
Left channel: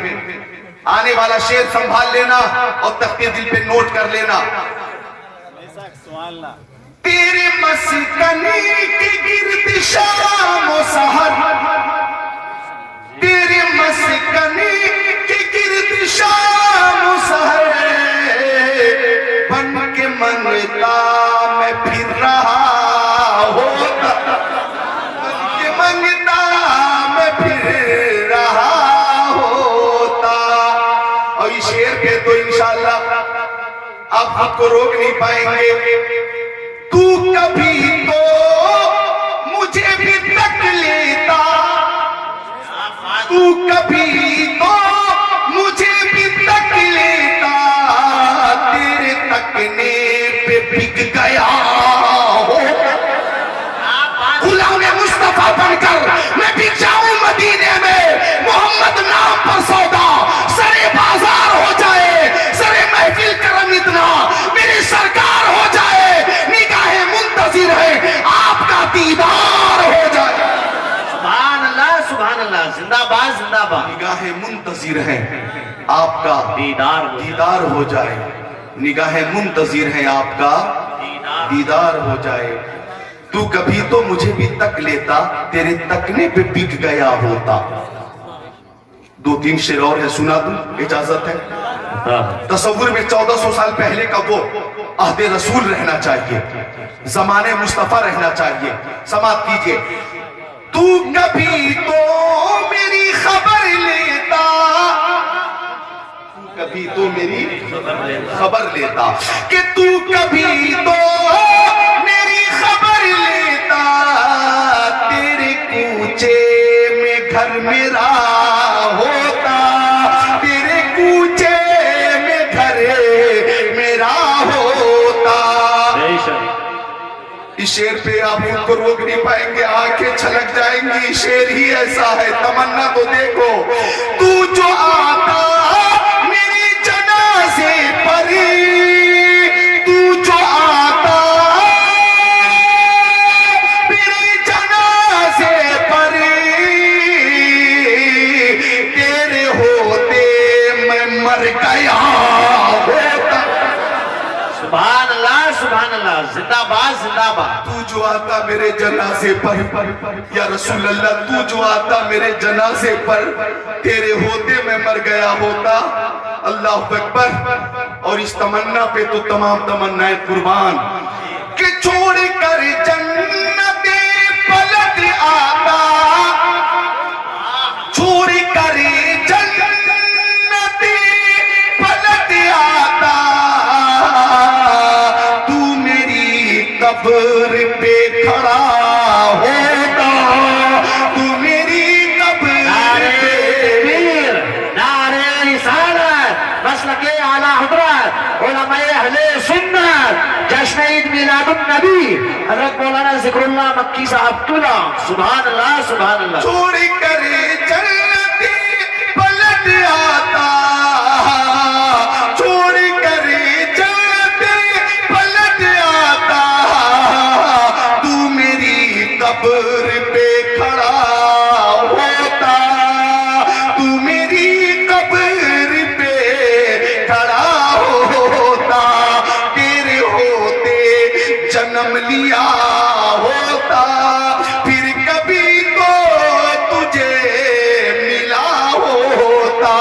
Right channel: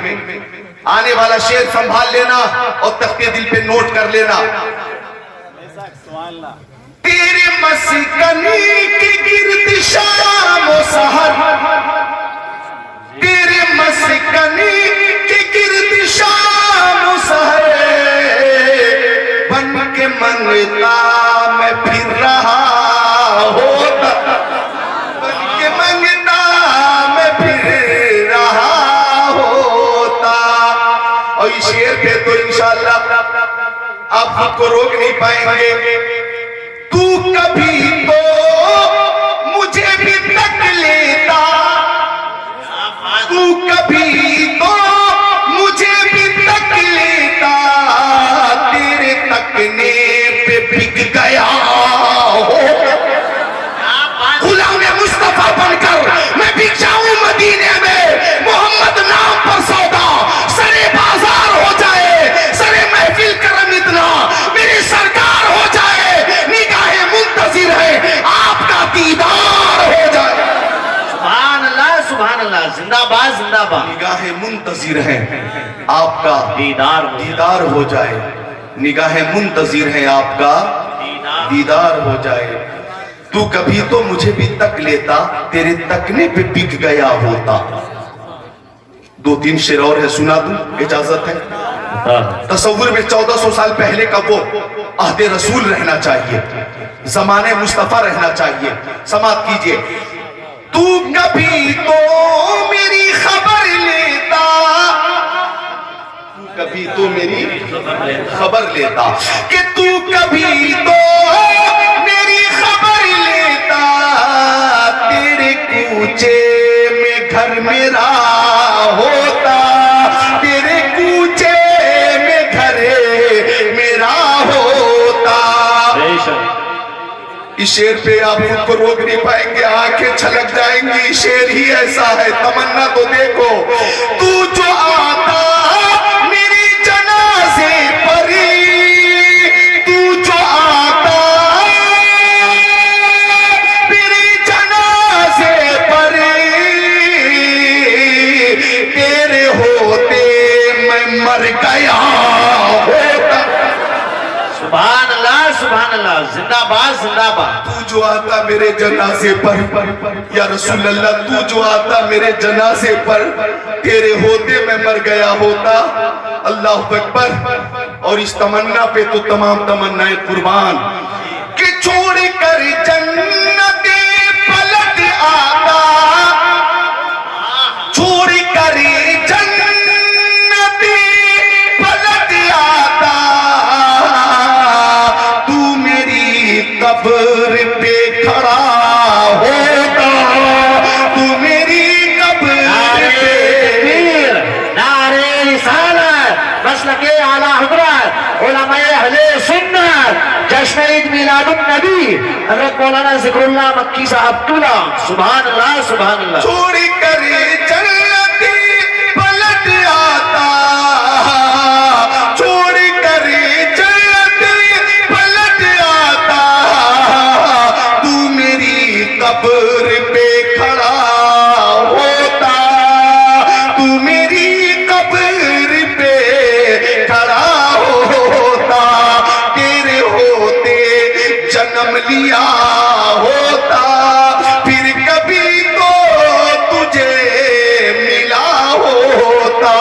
آنے والا شعر سنبھال لینا اور تختے دل پہ نوٹ کر لینا. تیرے مسکنی کے گرد شام و سحر، تیرے مسکنی کے گرد شام و سحر، بن کے منگتا میں پھر رہا ہوتا، بن کے منگتا میں پھر رہا ہوتا. اور یہ شعر پہ تو انشاءاللہ آپ خود کو روک نہیں پائیں گے. تو کبھی تو مجھے بھی تک لیتا، تو کبھی تو مجھے بھی تک لیتا، تیرے تکنے پہ بک گیا ہو. غلام مصطفیٰ بن کر میں بک جاؤں مدینے میں، محمد نام پر سودا سرے بازار ہو جائے، سرے محفل کرم اتنا میری سرکار ہو جائے، نگاہ منتظر ہے آپ کا دیدار ہو جائے. سبحان اللہ سبحان اللہ، زندہ باد زندہ باد. نگاہ منتظر ہے آپ کا دیدار ہو جائے، نگاہ منتظر ہے آپ کا دیدار ہو جائے. تو کبھی تو مجھے بھی تک لیتا، تیرے تکنے پہ بک گیا ہوتا. 2-3 شعر اور ہے، سنا دوں اجازت ہے؟ تصور میں 1400 سال پہلے کا وہ عہد رسول رہنا چاہیے، زمانے مصطفیٰ رہنا چاہیے. سماعت کیجئے. تو کبھی تو میری خبر لیتا، تو کبھی تو میری خبر لیتا، کہ تو کبھی تو میری خبر لیتا، تیرے کوچے میں گھر میرا ہوتا، تیرے کوچے میں گھر میرا ہوتا. اس شعر پہ آپ خود کو روک نہیں پائیں گے، آنکھیں چھلک جائیں گی. شعر ہی ایسا ہے، تمنا تو دیکھو. تو جو آتا میرے جنازے پر، تو جو آتا میرے جنازے پر، تیرے ہوتے میں مر گیا ہوتا. سبحان اللہ سبحان اللہ، زندہ باد زندہ باد. تو جو آتا میرے جنازے پر، یا رسول اللہ تو جو آتا میرے جنازے پر، تیرے ہوتے میں مر گیا ہوتا. اللہ اکبر. اور اس تمنا پہ تو تمام تمنائیں قربان. کہ چھوڑ کر جنت پلٹ آتا، چھوڑ کر جنت پلٹ آتا، تو میری قبر پہ کھڑا ہوتا، تو میری قبر پہ. نعرہ رسالت، مسلک اعلیٰ حضرت علماء اہل سنت، جشن عید میلاد النبی حضرت مولانا ذکر اللہ مکی صاحب طولہ. سبحان اللہ سبحان اللہ. چھوڑ کر جنت پلٹ آتا، چھوڑ کر جنت پلٹ آتا، تو میری قبر پہ کھڑا ہوتا، تو میری قبر پہ کھڑا ہوتا، تیرے ہوتے جنم لیا ہوتا، پھر کبھی تو تجھے ملا ہوتا.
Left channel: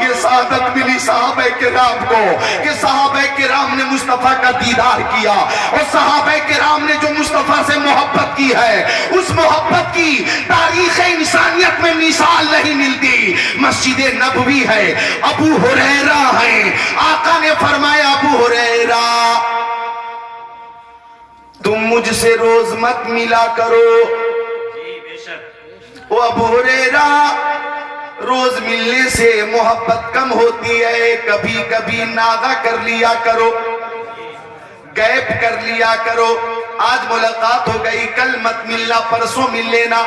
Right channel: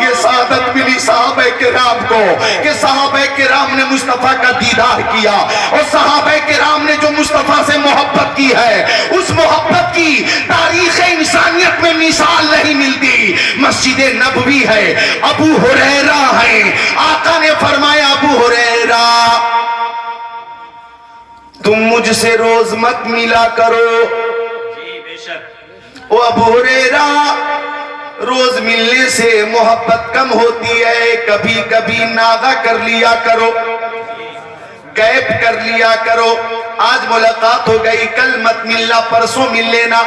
یہ سعادت ملی صحابہ کرام کو کہ صحابہ کرام نے مصطفیٰ کا دیدار کیا، اور صحابہ کرام نے جو مصطفیٰ سے محبت کی ہے، اس محبت کی تاریخ انسانیت میں مثال نہیں ملتی. مسجد نبوی ہے، ابو ہریرہ ہے، آقا نے فرمایا ابو ہریرہ تم مجھ سے روز مت ملا کرو. او ابو ہریرہ روز ملنے سے محبت کم ہوتی ہے، کبھی کبھی ناغہ کر لیا کرو، غیب کر لیا کرو. آج ملاقات ہو گئی، کل مت ملنا، پرسوں مل لینا.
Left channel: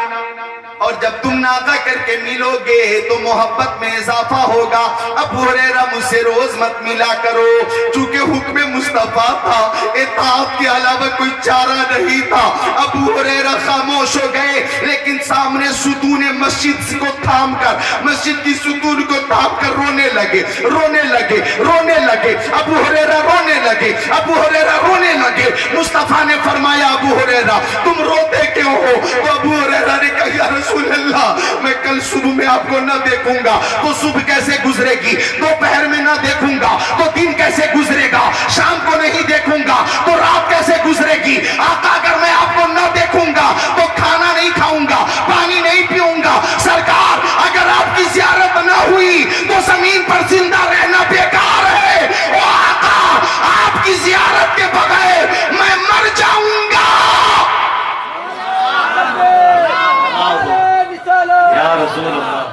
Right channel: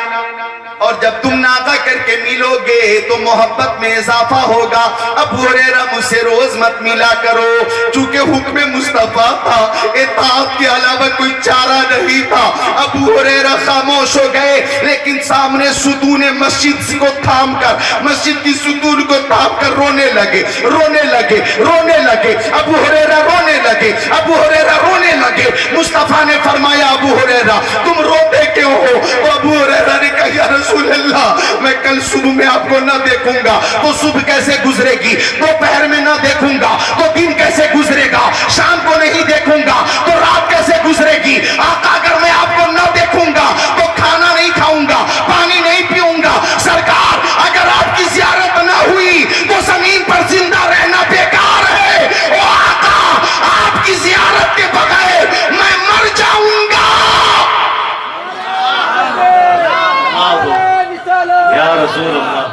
اور جب تم ناغہ کر کے ملو گے تو محبت میں اضافہ ہوگا. ابو ہریرہ مجھ سے روز مت ملا کرو, چونکہ حکم مصطفیٰ تھا, اطاعت کے علاوہ کوئی چارہ نہیں تھا. ابو ہریرہ خاموش ہو گئے, لیکن سامنے ستون مسجد کو تھام کر, مسجد کی ستون کو تھام کر رونے لگے. ابو ہریرہ رونے لگے. مصطفیٰ نے فرمایا ابو ہریرہ تم روتے کیوں ہو؟ تو ابو ہریرہ نے کہا یا رسول اللہ میں کل صبح میں آپ کو نہ دیکھوں گا تو صبح کیسے گزرے گی, دوپہر میں نہ دیکھوں گا تو دن کیسے گزرے گا, شام کو نہیں دیکھوں گا تو رات کیسے گزرے گی. آقا اگر میں آپ کو نہ دیکھوں گا تو کھانا نہیں کھاؤں گا, پانی نہیں پیوں گا. سرکار اگر آپ کی زیارت نہ ہوئی تو زمین پر زندہ رہنا بیکار ہے. او آقا آپ کی زیارت کے بغیر میں مر جاؤں گا. یا رسول اللہ,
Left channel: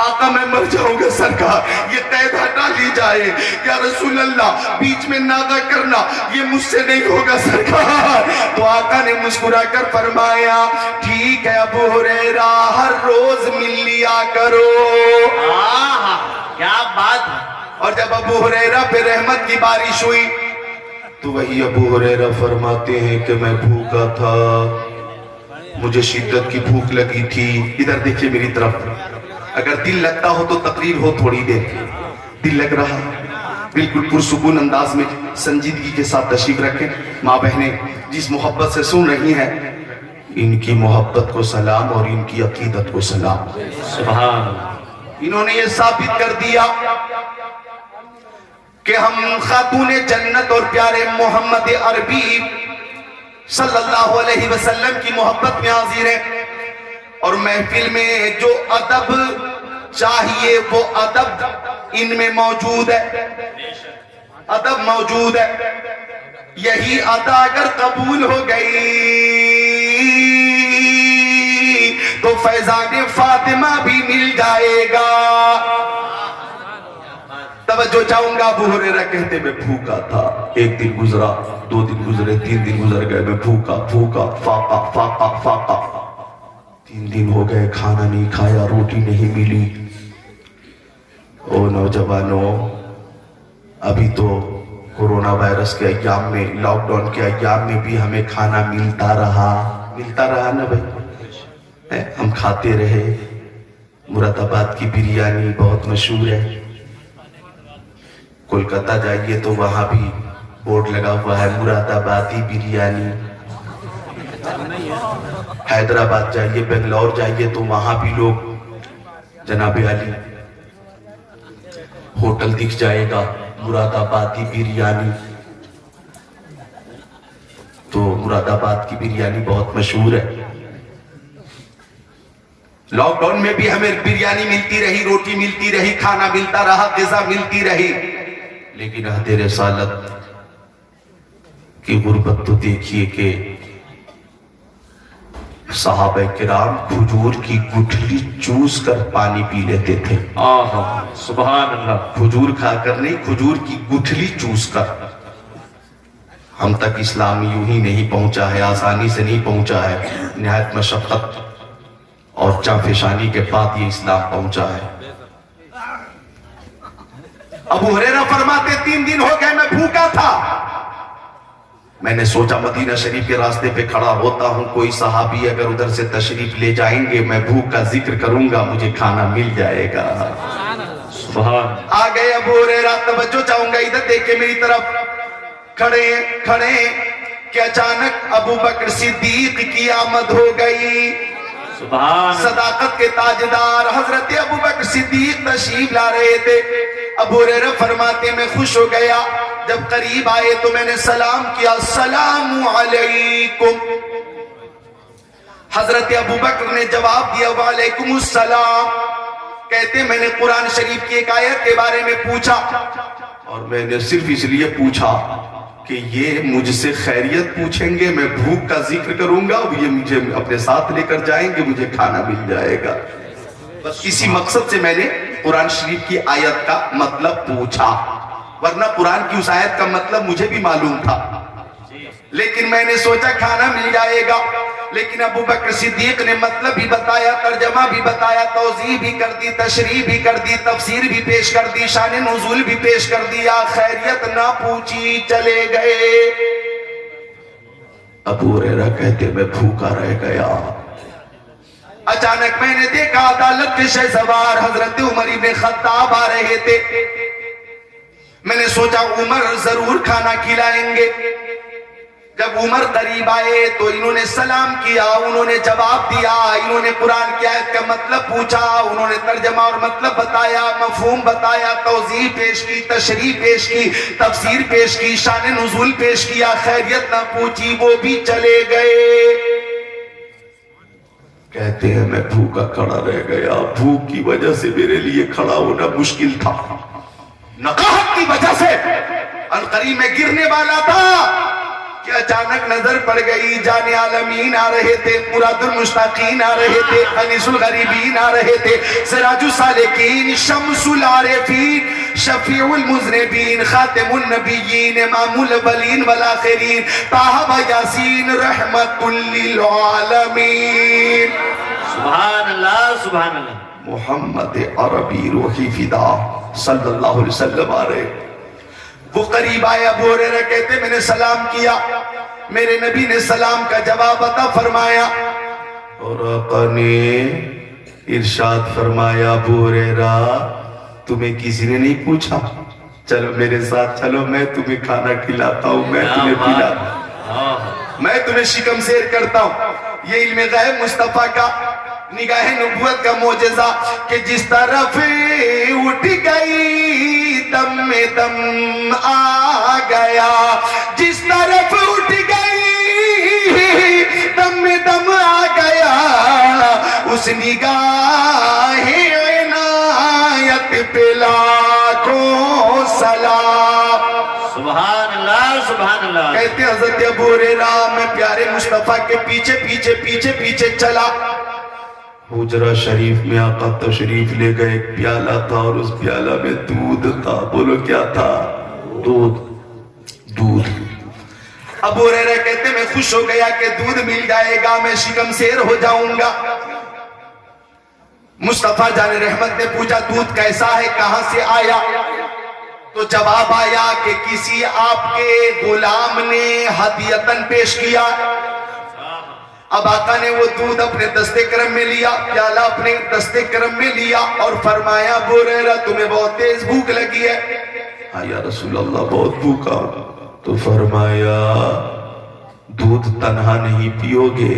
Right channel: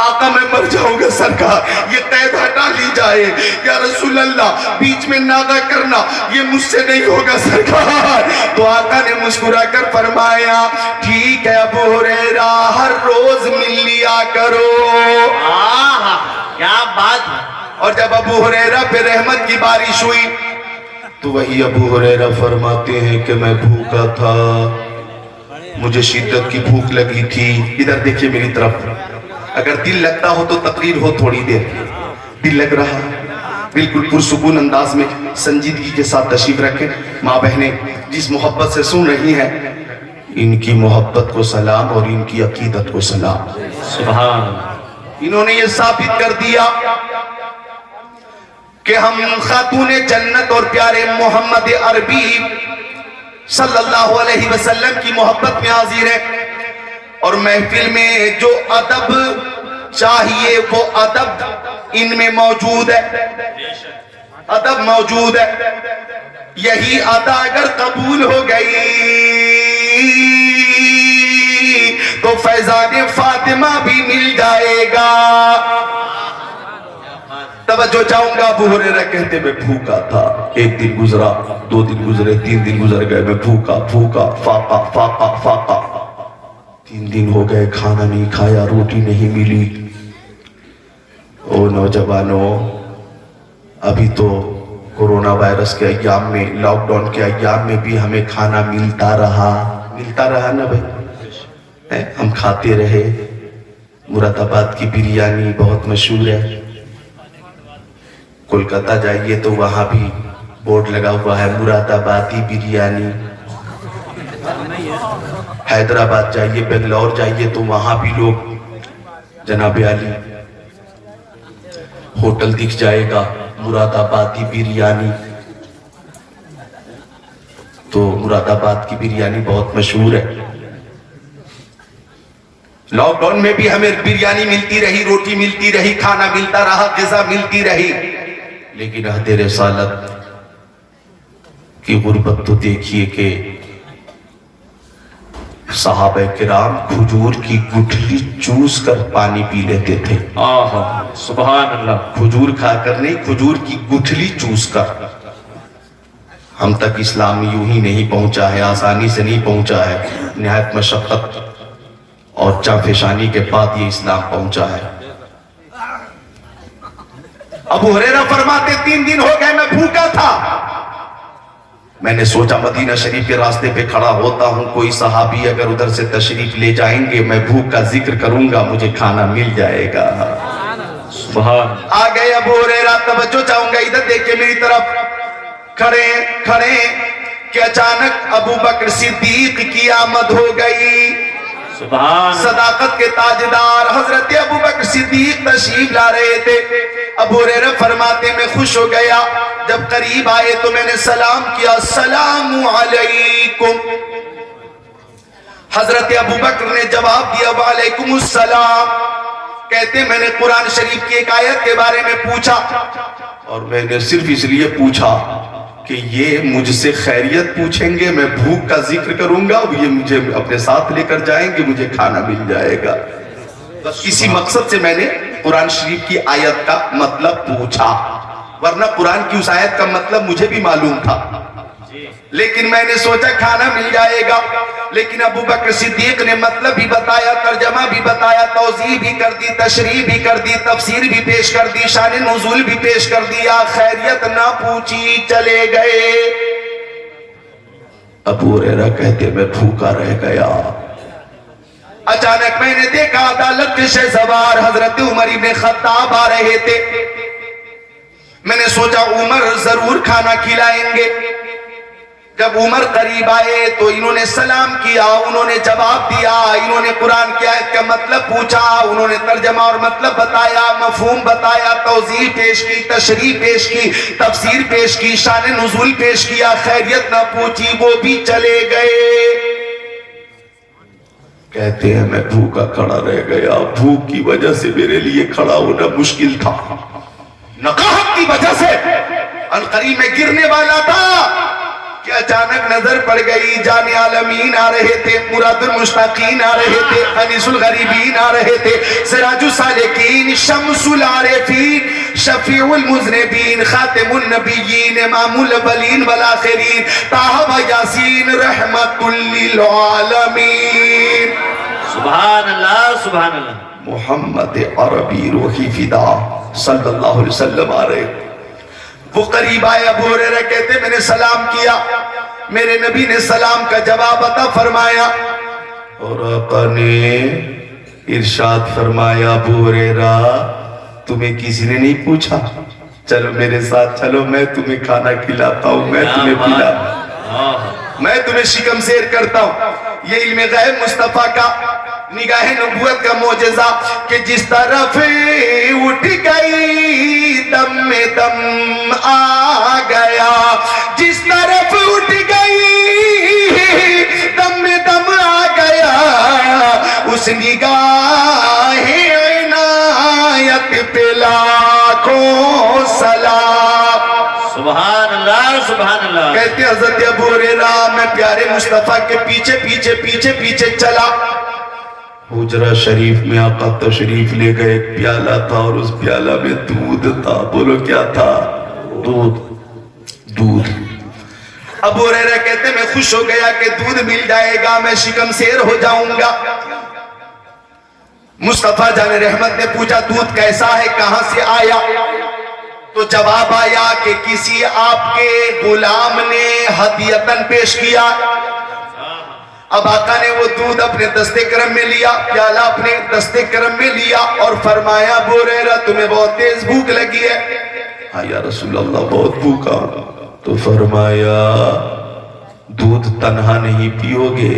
آقا میں مر جاؤں گا سرکار, یہ قید ہٹا لی جائے. یا رسول اللہ بیچ میں ناغہ کرنا یہ مجھ سے نہیں ہوگا سرکار. تو آقا نے مسکرا کر فرمایا ٹھیک ہے ابو ہریرہ ہر روز مل لیا کرو. کیا بات ہے. اور جب ابو ہریرہ پہ رحمت کی بارش ہوئی تو وہی ابو ہریرہ فرماتے ہیں کہ میں بھوکا تھا, مجھے شدت کی بھوک لگی تھی. ادھر دیکھیے میری طرف, اگر دل لگتا ہو تو تقریر ہو تھوڑی دیر. دل لگ رہا بالکل پرسکون انداز میں سنجیدگی کے ساتھ تشریف رکھیں. ماں بہنیں جس محبت سے سن رہی ہیں ان کی محبت کو سلام اور ان کی عقیدت کو سلام. سبحان. انہوں نے یہ ثابت کر دیا کہ ہم خاتون جنت اور پیارے محمد عربی صلی اللہ علیہ وسلم کی محبت میں حاضر ہیں, اور محفل میں جو ادب چاہیے وہ ادب ان میں موجود ہے. ادب موجود ہے. یہی ادا اگر قبول ہو گئی تو فیضان فاطمہ بھی مل جائے گا. توجہ چاہوں گا. ابو ہریرہ کہتے میں بھوکا تھا, ایک دن گزرا, 2 دن گزرے, 3 دن گزر گئے, میں بھوکا فاقا. 3 دن ہو گئے کھانا نہیں کھایا, روٹی نہیں ملی. او نوجوانوں, ابھی تو کورونا وائرس کے ایام میں, لاک ڈاؤن کے ایام میں بھی ہمیں کھانا ملتا رہا نا بھائی, ہم کھاتے رہے. مراد آباد کی بریانی بہت مشہور ہے. کولکاتہ جائیے تو وہاں بھی بورڈ لگا ہوا ہے مراد آبادی بریانی. حیدرآباد جائیے, بنگلور جائیے تو وہاں بھی لوگ جناب علی ہوٹل دکھ جائے گا مراد آبادی بریانی. تو مراد آباد کی بریانی بہت مشہور ہے. لاک ڈاؤن میں بھی ہمیں بریانی ملتی رہی, روٹی ملتی رہی, کھانا ملتا رہا, غذا ملتی رہی. لیکن عہد رسالت کی غربت تو دیکھیے کہ صحابہ کرام کھجور کی گٹھلی چوس کر پانی پی لیتے تھے. سبحان اللہ. کھجور کھا کر نہیں, کھجور کی گٹھلی چوس کر. ہم تک اسلام یوں ہی نہیں پہنچا ہے, آسانی سے نہیں پہنچا ہے, نہایت مشقت اور جانفشانی کے بعد یہ اسلام پہنچا ہے. ابو ہریرہ فرماتے 3 دن ہو گئے میں بھوکا تھا. میں نے سوچا مدینہ شریف کے راستے پہ کھڑا ہوتا ہوں, کوئی صحابی اگر ادھر سے تشریف لے جائیں گے, میں بھوک کا ذکر کروں گا, مجھے کھانا مل جائے گا. سبحان. آ گئے ابو ہریرہ. توجہ چاہوں گا, ادھر دیکھ کے میری طرف. کھڑے کہ اچانک ابو بکر صدیق کی آمد ہو گئی. سبحان. صداقت کے تاجدار حضرت ابو بکر صدیق تشریف لا رہے تھے. ابو ہریرہ فرماتے میں خوش ہو گیا. جب قریب آئے تو میں نے سلام کیا, السلام علیکم. حضرت ابو بکر نے جواب دیا وعلیکم السلام. کہتے میں نے قرآن شریف کی ایک آیت کے بارے میں پوچھا, اور میں نے صرف اس لیے پوچھا کہ یہ مجھ سے خیریت پوچھیں گے, میں بھوک کا ذکر کروں گا, یہ مجھے اپنے ساتھ لے کر جائیں گے, مجھے کھانا مل جائے گا. بس اسی مقصد سے میں نے قرآن شریف کی آیت کا مطلب پوچھا, ورنہ قرآن کی اس آیت کا مطلب مجھے بھی معلوم تھا. لیکن میں نے سوچا کھانا مل جائے گا، لیکن ابو بکر صدیق نے مطلب بھی بتایا، ترجمہ بھی بتایا، توضیح بھی کر دی، تشریح بھی کر دی، تفسیر بھی پیش کر دی، شان نزول بھی پیش کر دیا، خیریت نہ پوچھی چلے گئے۔ ابو ہریرہ کہتے میں بھوکا رہ گیا۔ اچانک میں نے دیکھا عدالت کے شہسوار حضرت عمر ابن خطاب آ رہے تھے۔ میں نے سوچا عمر ضرور کھانا کھلائیں گے۔ جب عمر قریب آئے تو انہوں نے سلام کیا، انہوں نے جواب دیا، انہوں نے قرآن کی آیت کا مطلب پوچھا، انہوں نے ترجمہ اور مطلب بتایا، مفہوم بتایا، توضیح پیش کی، تشریح پیش کی، تفسیر پیش کی، شان نزول پیش کیا، خیریت نہ پوچھی، وہ بھی چلے گئے۔ کہتے ہیں میں بھوکا کھڑا رہ گیا، بھوک کی وجہ سے میرے لیے کھڑا ہونا مشکل تھا، نقاہت کی وجہ سے القریب میں گرنے والا تھا کہ اچانک نظر پڑ گئی، جان عالمین آ رہے تھے، مراد المشتاقین آ رہے تھے، انیس الغریبین آ رہے تھے، سراج السالکین، شمس العارفین، شفیع المذنبین، خاتم النبیین، امام الاولین والآخرین، طٰہٰ و یاسین، رحمت للعالمین۔ سبحان اللہ سبحان اللہ۔ محمد عربی روحی فدا صلی اللہ علیہ وسلم آ رہے۔ وہ قریب آئے، ابو ہریرہ کہتے میں نے سلام کیا، میرے نبی نے سلام کا جواب عطا فرمایا، اور آقا نے ارشاد فرمایا ابو ہریرہ تمہیں کسی نے نہیں پوچھا، چلو میرے ساتھ چلو، میں تمہیں کھانا کھلاتا ہوں، میں تمہیں میں تمہیں شکم سیر کرتا ہوں۔ یہ علم غیب مصطفیٰ کا، نگاہ نبوت کا معجزہ کہ جس طرف اٹھ گئی دم میں دم آ گیا، جس طرف اٹھ گئی دم میں دم آ گیا، اس نگاہ عنایت پہ لاکھوں سلام۔ سبحان اللہ سبحان اللہ۔ کہتے ہیں حضرت ابو ہریرہ میں پیارے مصطفیٰ کے پیچھے پیچھے پیچھے پیچھے چلا۔ حجرہ شریف میں آقا تشریف لے گئے، ایک پیالہ تھا اور اس پیالہ میں دودھ تھا، بولو کیا تھا؟ دودھ۔ ابو ہریرہ کہتے میں خوش ہو گیا کہ دودھ مل جائے گا، میں شکم سیر ہو جاؤں گا۔ مصطفیٰ جان رحمت نے پوچھا دودھ کیسا ہے، کہاں سے آیا؟ تو جواب آیا کہ کسی آپ کے غلام نے ہدیتاً پیش کیا۔ اب آقا نے وہ دودھ اپنے دستے کرم میں لیا، پیالہ اپنے دستے کرم میں لیا اور فرمایا ابو ہریرہ تمہیں بہت تیز بھوک لگی ہے۔ یا رسول اللہ بہت بھوکا ہوں۔ تو فرمایا دودھ تنہا نہیں پیو گے،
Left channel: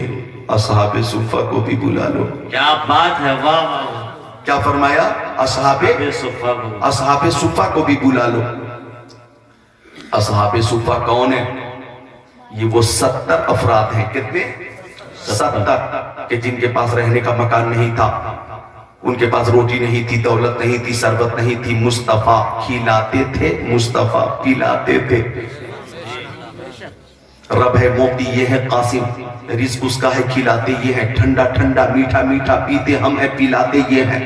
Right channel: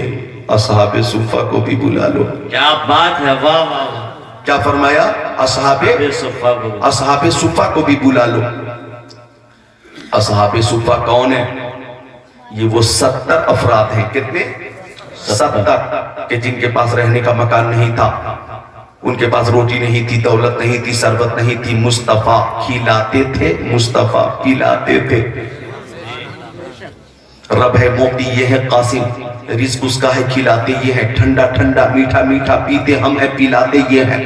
اصحاب صفہ کو بھی بلا لو۔ کیا بات ہے، واہ واہ واہ۔ کیا فرمایا؟ اصحاب صفہ کو بھی بلا لو۔ اصحاب صفہ کون ہے؟ یہ وہ 70 افراد ہیں، کتنے؟ 70 کہ جن کے پاس رہنے کا مکان نہیں تھا، ان کے پاس روٹی نہیں تھی، دولت نہیں تھی، ثروت نہیں تھی، مصطفیٰ کھلاتے تھے، مصطفیٰ پلاتے تھے۔ رب ہے موتی، یہ ہے قاسم، رزق اس کا ہے، کھلاتے یہ ہے، ٹھنڈا ٹھنڈا میٹھا میٹھا پیتے ہم ہیں، پلاتے یہ ہیں۔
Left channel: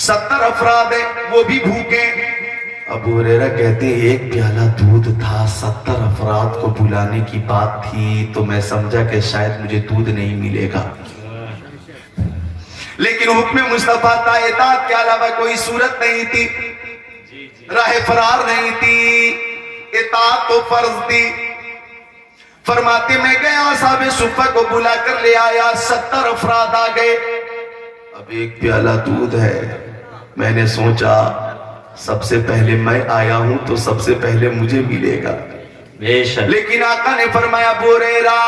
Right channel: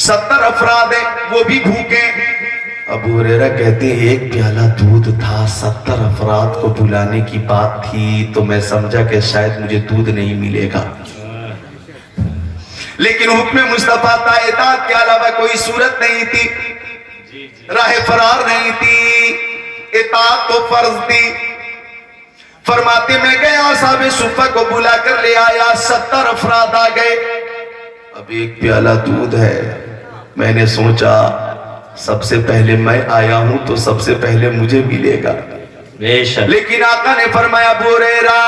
70 افراد ہیں، وہ بھی بھوکے۔ ابو ہریرہ کہتے ہیں ایک پیالہ دودھ تھا، 70 افراد کو بلانے کی بات تھی، تو میں سمجھا کہ شاید مجھے دودھ نہیں ملے گا، لیکن حکم مصطفیٰ تھا، اطاعت کے علاوہ کوئی صورت نہیں تھی، راہ فرار نہیں تھی، اطاعت تو فرض تھی۔ فرماتے میں گیا اصحاب صفہ کو بلا کر لے آیا، 70 افراد آ گئے۔ اب ایک پیالہ دودھ ہے، میں نے سوچا سب سے پہلے میں آیا ہوں تو سب سے پہلے مجھے ملے گا، بے شک۔ لیکن آقا نے فرمایا ابو ہریرہ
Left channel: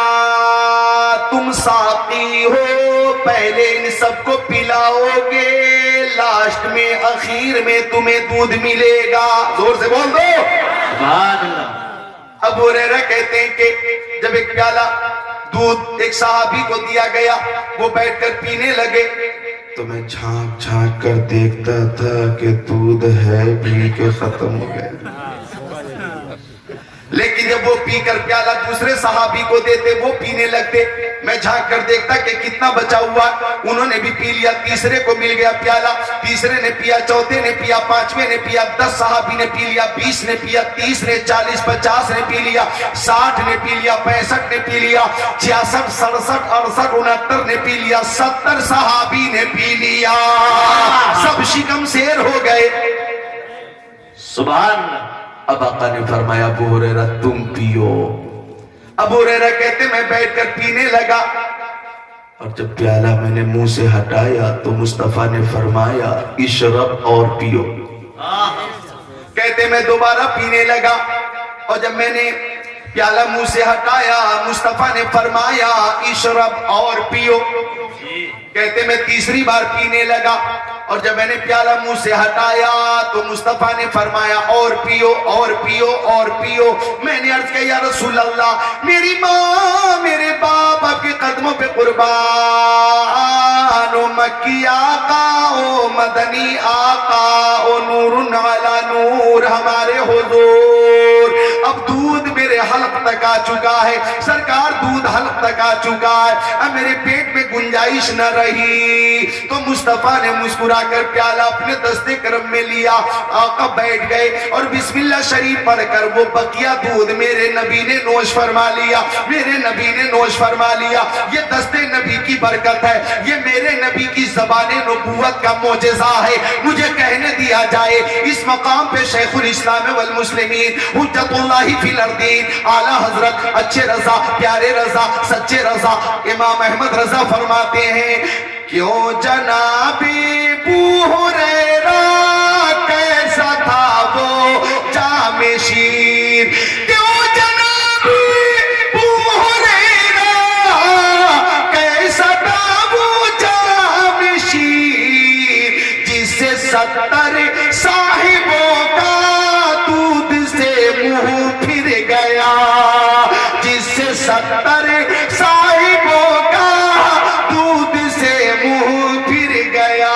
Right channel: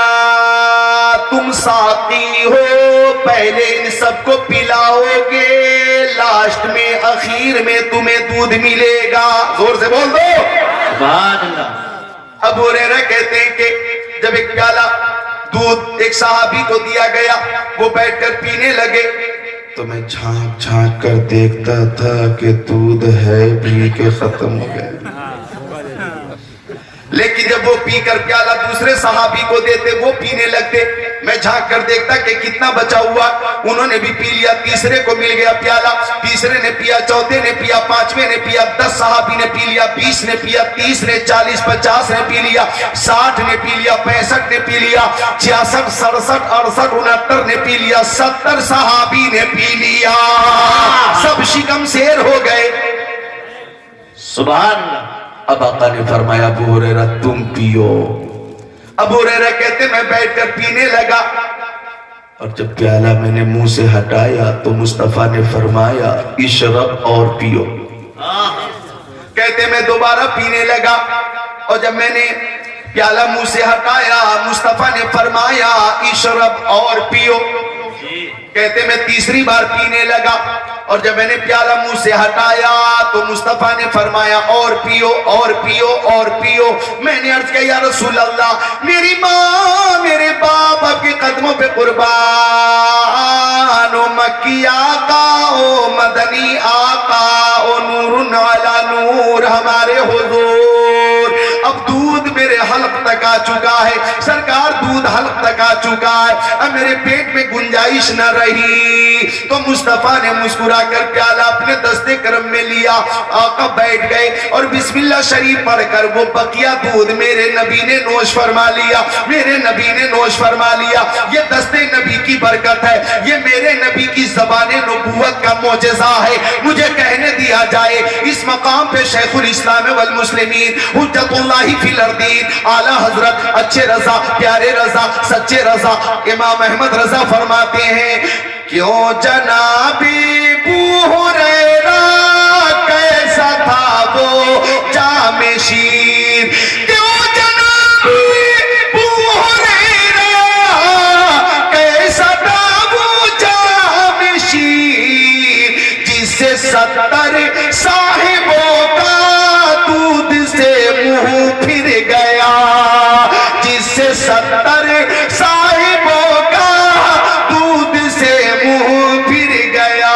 تم ساقی ہو، پہلے ان سب کو پلاؤ گے، لاسٹ میں اخیر میں تمہیں دودھ ملے گا۔ زور سے بول دو سبحان اللہ۔ ابو ہریرہ کہتے ہیں کہ جب ایک پیالہ دودھ ایک صحابی کو دیا گیا، وہ بیٹھ کر پینے لگے، تو میں جھانک جھانک کر دیکھتا تھا کہ دودھ ہے پی کے ختم ہو گیا، لیکن جب وہ پی کر پیالہ دوسرے صحابی کو دیتے وہ پینے لگتے، میں جھانک کر دیکھتا کہ کتنا بچا ہوا، انہوں نے بھی پی لیا، تیسرے کو مل گیا پیالہ، تیسرے نے پیا، چوتھے نے پیا، پانچویں نے پیا، 10 صحابی نے پی لیا، 20 نے پیا، 30 نے، 40 50 نے پی لیا، 60 نے پی لیا، 65 نے پی لیا، 66 67 68 69 نے پی لیا، 70 صحابی نے پی لیا، سب شکم سیر ہو گئے۔ سبحان اللہ۔ اب آقا نے فرمایا ابو ہریرہ تم پیو۔ ابو ہریرہ کہتے میں بیٹھ کر پینے لگا، اور جب پیالہ میں نے منہ سے ہٹایا تو مصطفیٰ نے فرمایا اشرب اور پیو۔ کہتے میں دوبارہ پینے لگا، اور جب میں نے پیالہ منہ سے ہٹایا مصطفیٰ نے فرمایا اشرب اور پیو۔ کہتے میں تیسری بار پینے لگا، اور جب میں نے پیالہ منہ سے ہٹایا تو مصطفیٰ نے فرمایا اور پیو اور پیو اور پیو۔ میں نے عرض کیا یا رسول اللہ میری ماں میرے باپ آپ کے قدموں پہ قربان، او مکی آقا او مدنی آقا او نور علی نور ہمارے حضور، اب دودھ میرے حلق تک آ چکا ہے، سرکار دودھ حلق تک آ چکا ہے، اب میرے پیٹ میں گنجائش نہ رہی۔ تو مصطفیٰ نے مسکرا کر پیالہ اپنے دست کرم میں لیا، آقا بیٹھ گئے اور بسم اللہ شریف پڑھ کر وہ بقیہ دودھ میرے نبی نے نوش فرما لیا، میرے نبی نے نوش فرما لیا۔ یہ دست نبی کی برکت ہے، یہ میرے نبی کی زبان نبوت کا معجزہ ہے۔ مجھے کہنے دیا جائے اس مقام پہ شیخ الاسلام والمسلمین حجت اللہ فی الارضین اعلیٰ حضرت اچھے رضا پیارے رضا سچے رضا امام احمد رضا فرماتے ہیں کیوں جنابی ابو ہریرہ کیسا تھا وہ جام شیر، کیوں جنابی ابو ہریرہ کیسا تھا وہ جام شیر، جس سے 70 صاحبوں کا دودھ سے منہ پھر گیا، جس سے 70 صاحبوں کا دودھ سے منہ پھر گیا۔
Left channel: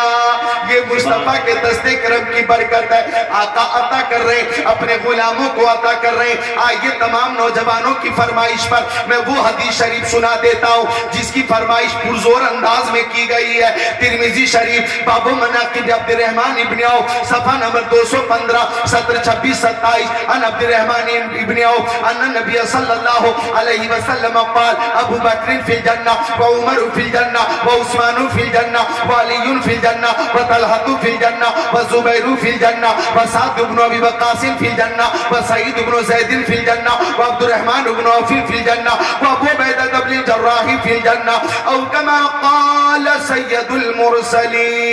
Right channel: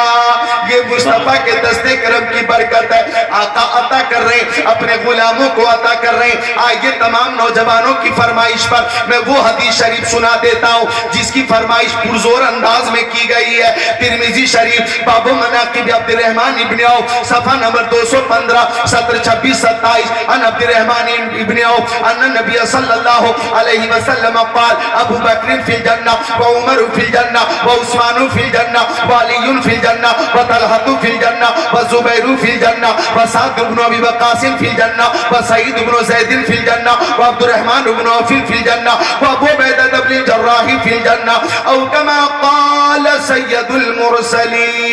یہ مصطفیٰ کے دست کرم کی برکت ہے، آقا عطا کر رہے اپنے غلاموں کو عطا کر رہے۔ آئیے تمام نوجوانوں کی فرمائش پر میں وہ حدیث شریف سنا دیتا ہوں جس کی فرمائش پرزور انداز میں کی گئی ہے، ترمذی شریف باب مناقب عبد الرحمن ابن عوف صفحہ نمبر 215 سطر 26 27 ان عبد الرحمن ابن عوف ان نبی صلی اللہ علیہ وسلم قال ابو بکر فی الجنہ وعمر فی الجنہ وعثمان فی الجنہ وعلی فی الجنہ وطلحہ فی الجنہ وزبیر فی الجنہ وسعد بن ابی وقاص فی الجنہ وسعید بن زید فی الجنہ وعبد الرحمن بن عوف فی الجنہ وابو عبیدہ بن الجراح فی الجنہ او کما قال سید المرسلین۔